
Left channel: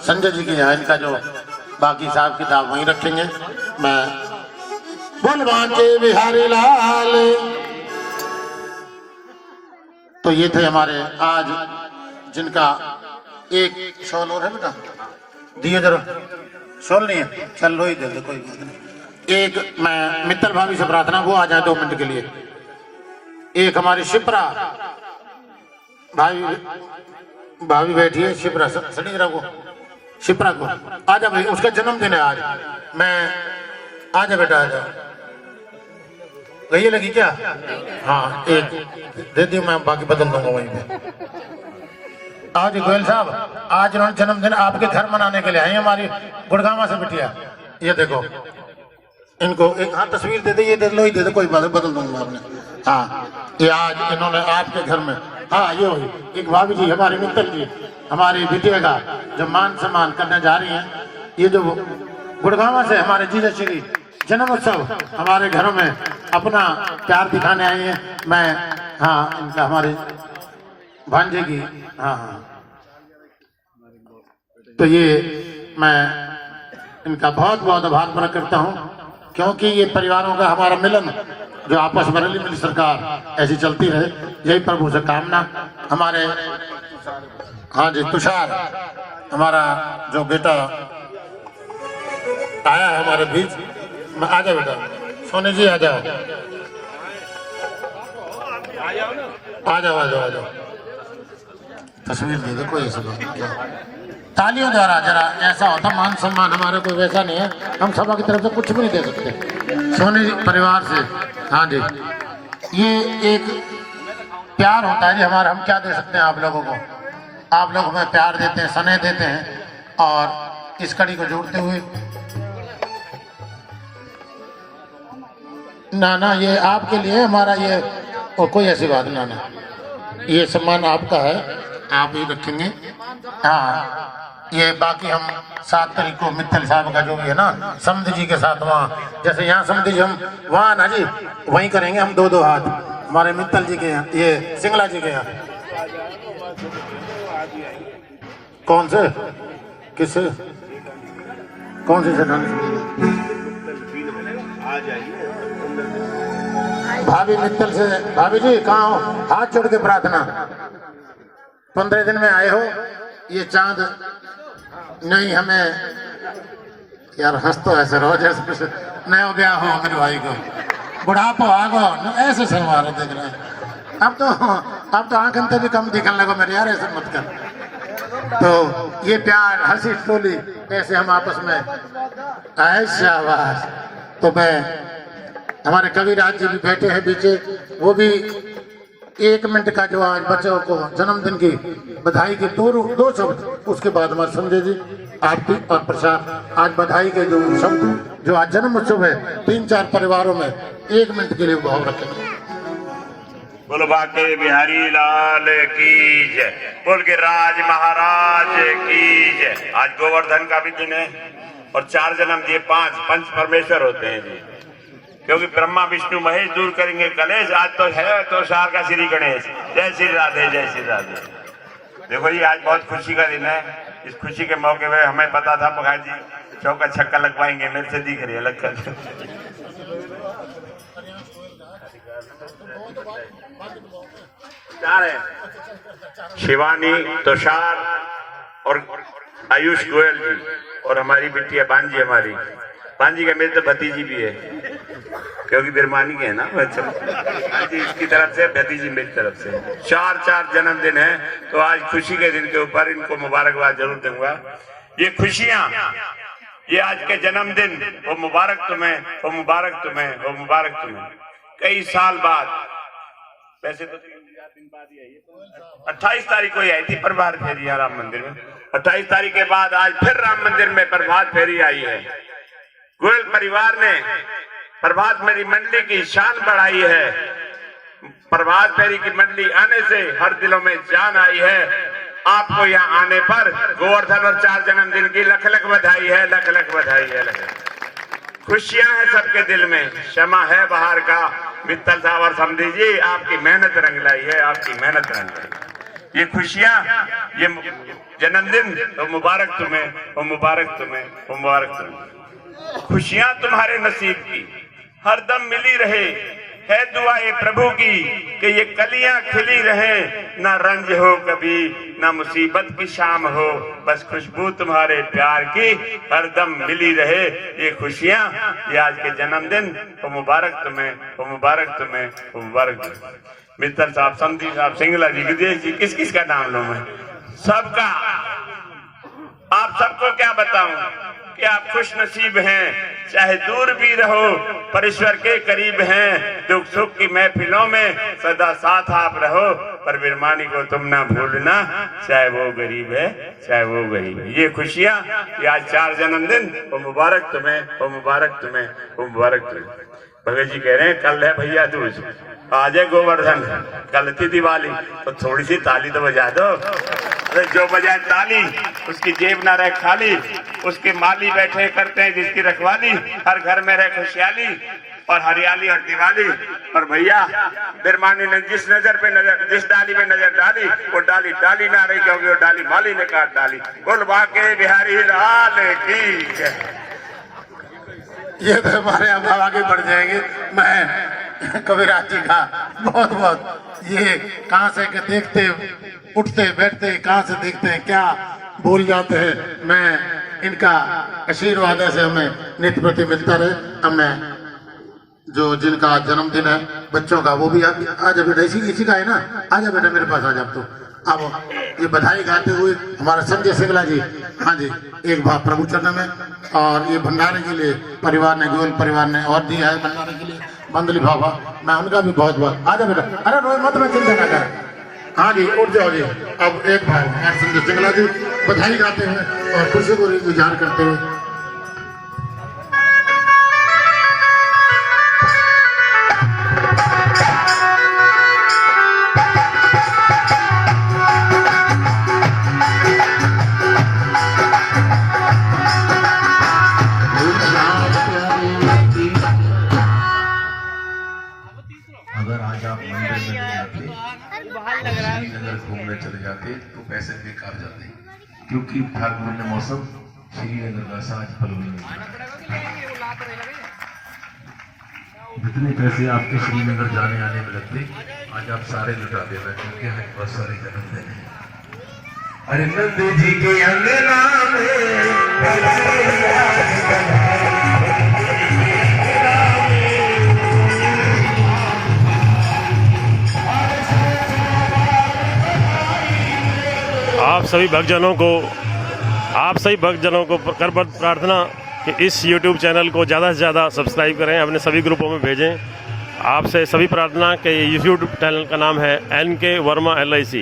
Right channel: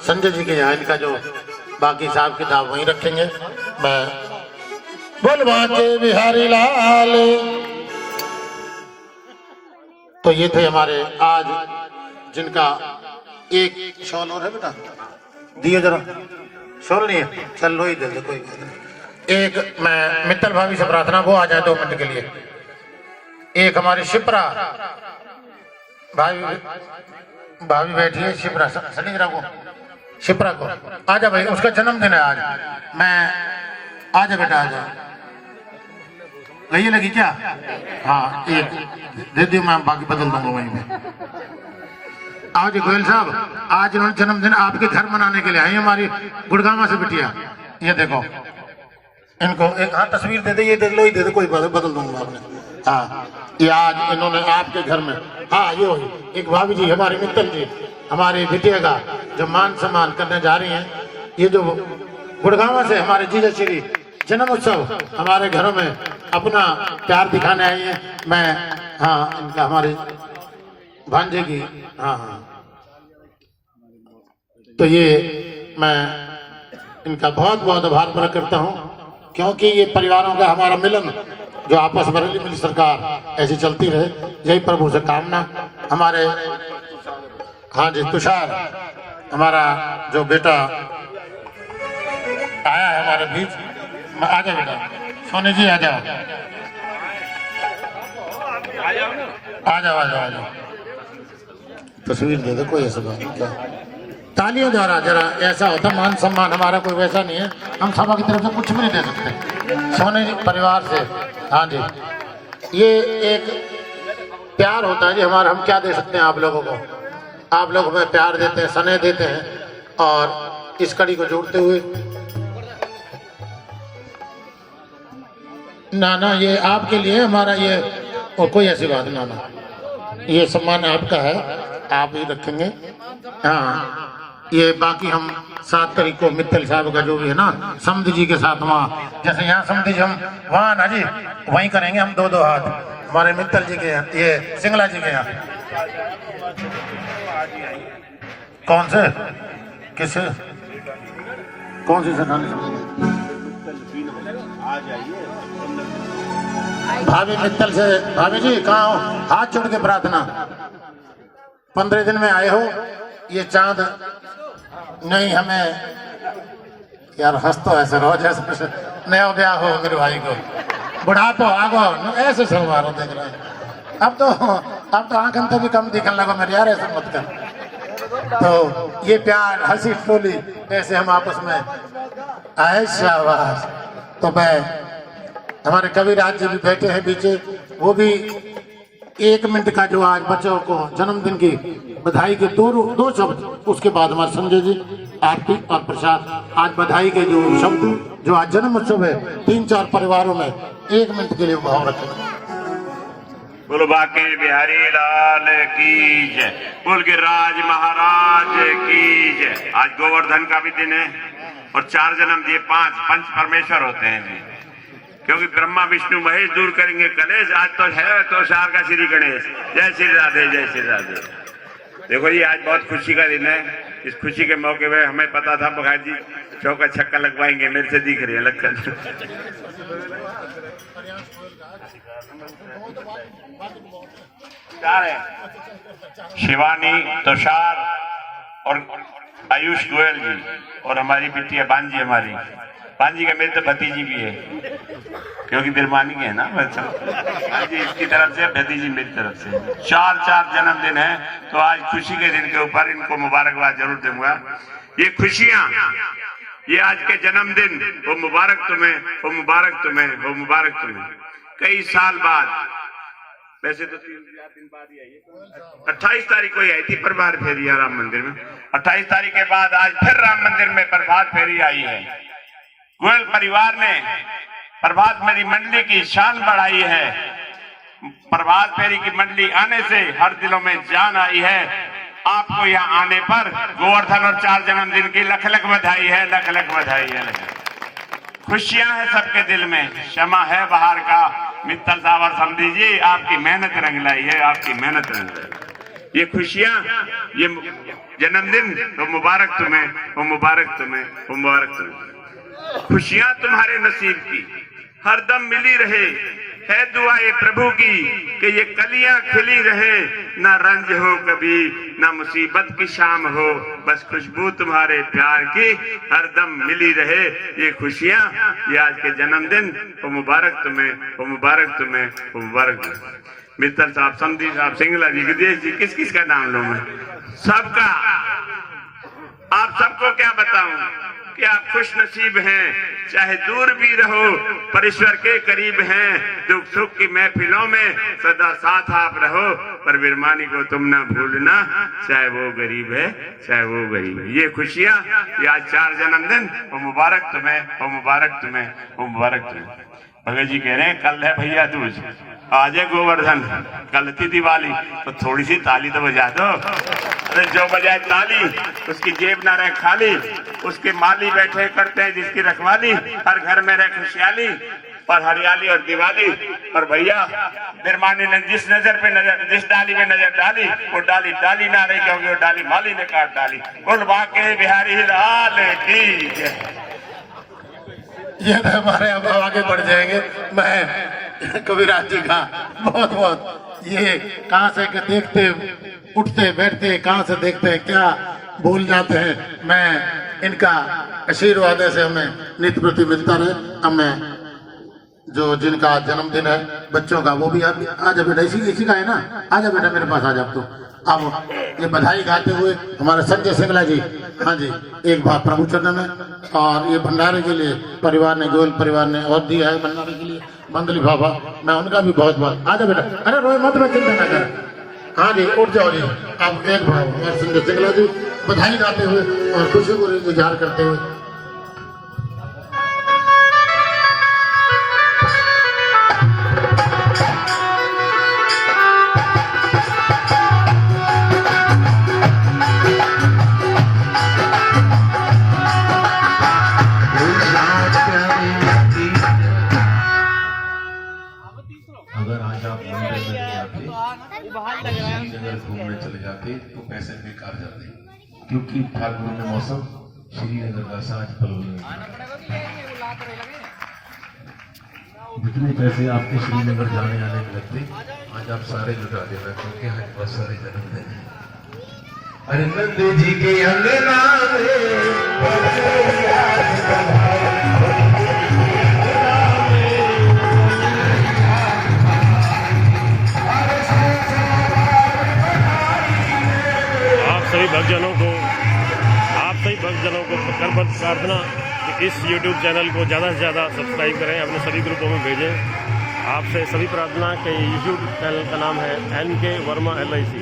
संजय जी के यहाँ, इनका जो बाकी हिसाब किताब वहीं रखेंगे। मैं बोल बांके बिहारी लाल। तो ये थे हमारे आज जिनका एक शॉल और है बेटा, दिए जरा। शॉल नहीं है, चल लो ही दे दो, कोई बात नहीं। एक मैं मित्तल भाभी से प्रार्थना, वो आ जाए 2 मिनट के लिए। एक हमारी शिप्रा भाभी बैठी है, शिप्रा सनीरा को, शिप्रा को आ जा भाई, उसका जन्मदिन है आज। मैं आ जा बेटा, आ जा। गई लगी क्या? हाँ, एक दे दियो, मैं बाकी बदल दूंगा वहीं पे। आओ जी गोयल साहब, आज उन्होंने जन्मदिन आपके घर मनाने के लिए आए, हमारी गुड़गांव से बिटिया। ये देखो, इनको एक हाँ तस्वीर दे दे, ये देख लो, ही दे दो, कोई बात नहीं, बदल दूंगा आपने। हाँ, ये आज इन्होंने आपके घर में, हाँ ये वही एक भाभी जी हमारी मित्तल जी, हमारी बिटिया का जो मान सम्मान करने जा रही हैं। ये जो गुड़गांव से हमारे जीजा श्री जन्मोत्सव हमारे घरों में अपना प्यार दिखाने आई है। मैं हाँ, इनका हमारे भांजे की, हाँ हाँ, तो ये मैं इनका बहुत बहुत आभार प्रकट करता हूँ, क्योंकि ये परिवारों का हमारा मिलन जो आपस में रली मिली सरकार ऐसी चलती रहे। यही प्रभु से कामना। हमारे हाँ जी तुषार हमारा जो बेटा आया है हमारे बीच में, आ जाओ बेटा, सोनी जी आ जाओ, आ जाओ आ जाओ आ जाओ, तस्वीर दे दो, कोई ऐसा बात क्या, तालियों द्वारा जरा ऐसा होता मान सम्मान, हमारा कोई वैसा नहीं है, हम सभा की तरफ से कुछ भी नहीं दे सकते, सोनी परिवार से। हाँ जी, ये एक प्यार होता है जी हमारा, हम क्या दे सकते हैं आप लोगों को, आप लोग हमें प्यार देते हैं, स्नेह देते हैं, और इस कड़ी को जोड़ते हुए नाना ये आपके लिए हमारा ये, और कोई ऐसी बात नाना, ये सम्मान आपका है, आप ही रखेंगे। हाँ ये बाकी हम 7 तारीख को मित्तल साहब का जो भी है ना समधी जी के साथ, वहाँ जैसे यहाँ समधी जी हम वहाँ ना जी वहीं करेंगे हम 2-2 हाथ, हमारे मित्तल जी के यहाँ, ये सिंगला जी के यहाँ। कौन से किसे कौन सी भाभी मित्तल से, भाभी जी कहाँ हो, हाथ जोड़ के प्रार्थना, 15 दिन में आए हो, ये चांद नहीं हमें यार, हंस तो ऐसे रहो जैसे नया ब्याह हो मेरे भाई को, बुढ़ापा आगो ऐसे शर्मा रहो, देख रहे हैं अब तो आंख अंतर भी कम दिखने लगा मेरे यार, ऐसे मत कर। तो ये प्यार हंसी टोली ऐसे हम आपस में आए, शाबाश। तो मैं हमारे कविराज जी भी बैठे हैं पीछे, वो भी 1 मिनट का जो आज बच्चों को जन्मदिन की बधाई के 2 शब्द, उसके बाद हमारे संजय जी आरती और प्रसाद, आज बधाई के जो शब्द, जो आज जन्म उत्सव है 3-4 परिवारों में 1 मिनट के लिए भाव रखेंगे। बोलो बाके बिहारी लाल की जय, बोल के राज महाराज की जय। आज गोवर्धन का भी दिन है और 4 जन्म दिए, 5 पंच परमेश्वर होते हैं जी, क्योंकि ब्रह्मा विष्णु महेश दूर करेंगे कलेश, आज तो है तो शार का श्री गणेश। जय श्री राधे, जय श्री राधे। देखो जी आज बहुत खुशी का दिन है, इस खुशी के मौके में हमें पता था बुखार जी चौका छक्का लगवाएंगे, मेरे से दिख रही है लगकर। शिवानी, तुषार और आयुष गोयल जी, और हमारी बिटिया बांजी, हमारी बांजी का मेरी तो भतीजी भी है, क्योंकि बिरमानी है ना इसकी तरफ से, भतीजी मेरी तरफ से। 4 जन्मदिन है, तो आज खुशी के दिन के ऊपर इनको मुबारकबाद जरूर दूंगा। ये खुशियां, ये आज के जन्मदिन, वो मुबारक तुम्हें, वो मुबारक तुम्हें, वो मुबारक तुम्हें। कई साल बाद, वैसे तो 3-4 दिन बाद ही आई है, 28 तारीख को ही आई थी प्रभात फेरी यहाँ राम मंदिर में, 28 तारीख के बाद आज फिर राम मंदिर में प्रभात फेरी आई है। गोयल परिवार ने प्रभात फेरी मंडली की शान बढ़ाई है, प्रभात फेरी की मंडली आने से हर दिलों में जान आई है। आपको यहाँ आने पर गोवर्धन और 4 जन्मदिन की लख लख बधाई है, लख लख बधाई है, खुशियां हैं सबके दिल में, क्षमा है बाहर का। मित्तल साहब और समधी जी आपकी मेहनत रंग लाई है, आपकी मेहनत रंग लाई। ये खुशियां, ये जन्मदिन, वो मुबारक तुम्हें, वो मुबारक तुम्हें, वो मुबारक तुम्हें। खुशियां तुम्हारे नसीब की हरदम मिली रहे, है दुआ ये प्रभु की कि ये कलियां खिली रहे, ना रंज हो कभी, ना मुसीबत की शाम हो, बस खुशबू तुम्हारे प्यार की हरदम मिली रहे। ये खुशियां, ये आज के जन्मदिन, वो मुबारक तुम्हें, वो मुबारक तुम्हें, वो मुबारक तुम्हें। मित्तल साहब, समधी साहब, सिंगला जी, विदेश जी, किस किस का नाम लूं मैं, सबका। आप सबको क्या बताऊं कि आप खुश नसीब हैं, चाहे दूर भी रहो पर ईश्वर के करीब हैं। दुख सुख की महफिलों में सदा साथ आप रहो, पर बिरमानी को तुम ना भूलना, चाहे वो गरीब है, चाहे वो गरीब है। ये खुशियां, ये आज 4 जन्मदिन, वो मुबारक तुम्हें, वो मुबारक तुम्हें, वो मुबारक तुम्हें। भगत जी कह रहे हैं कल है भैया दूज, आज है गोवर्धन, कल थी दिवाली, तो थोड़ी सी ताली तो बजा दो। अरे जो बजाए ताली उसकी जेब ना रहे खाली, उसके माली बैठे करते हैं जिसकी रखवाली, हर घर में रहे खुशहाली और हरियाली और दिवाली। और भैया बिरमानी ने जिस नजर पे नजर, जिस डाली में नजर डाली, वो डाली डाली ना रही, क्योंकि वो डाली माली ने काट डाली। बोल बाके बिहारी लाल की। ये तो हमारे अब आगे बढ़ जाएंगे। मैं कविराज जी का बहुत बहुत। ये कहाँ से के देखते उठते बैठते, कहाँ से देखते क्या भूल जाते हैं। मैं इनका आशीर्वाद से हमें नित्य प्रति मिलता रहे। हमें जो जिनका जन्मदिन है बच्चों का, वो भी आजा बेटा, इसी का है ना, आजा बेटा मेरे पास आ जा तू। अब ये बधाई गाते हुए हमारे संजय सिंगला जी, हाँ जी, एक बार प्रभु चरण में, और ये भंडारे के लिए परिवार ने, गोयल परिवार ने और दिया है भंडारे के लिए मंदली बाबा, मैं उनका भी बहुत बहुत। आजा बेटा, अरे रोज मत में चिंता ना कर, हाँ जी उठ जाओ जी। अब एक बार हमारे संजय सिंगला जी बधाई गाते हुए और खुशी को इजहार करते हुए। अगर आज आप मंदिर में नहीं आते और श्रीनगर घूमने चले जाते तो पैसे बेकार जाते, क्योंकि फागुन में मौसम श्रीनगर का साज पलवल जितने पैसे आपके श्रीनगर जाने आने में लगते आज आप सारे लुटा देना, क्योंकि आज बहुत सारे जन्मदिन है। अरे नंद जी के अंगना सभी भक्तजनों को कर प्रार्थना कि इस YouTube चैनल को ज़्यादा से ज़्यादा सब्सक्राइब करें, अपने सभी ग्रुपों में भेजें। आपसे सभी प्रार्थना कि YouTube चैनल का नाम है NK वर्मा LIC।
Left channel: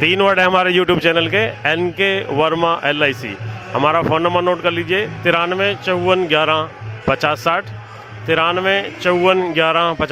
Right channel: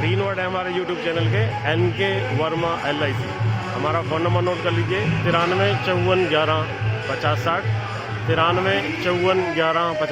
3 वर्ड है हमारे YouTube चैनल के, NK वर्मा LIC। हमारा फ़ोन नंबर नोट कर लीजिए 93 54 11 50 60, 93 54 11 50।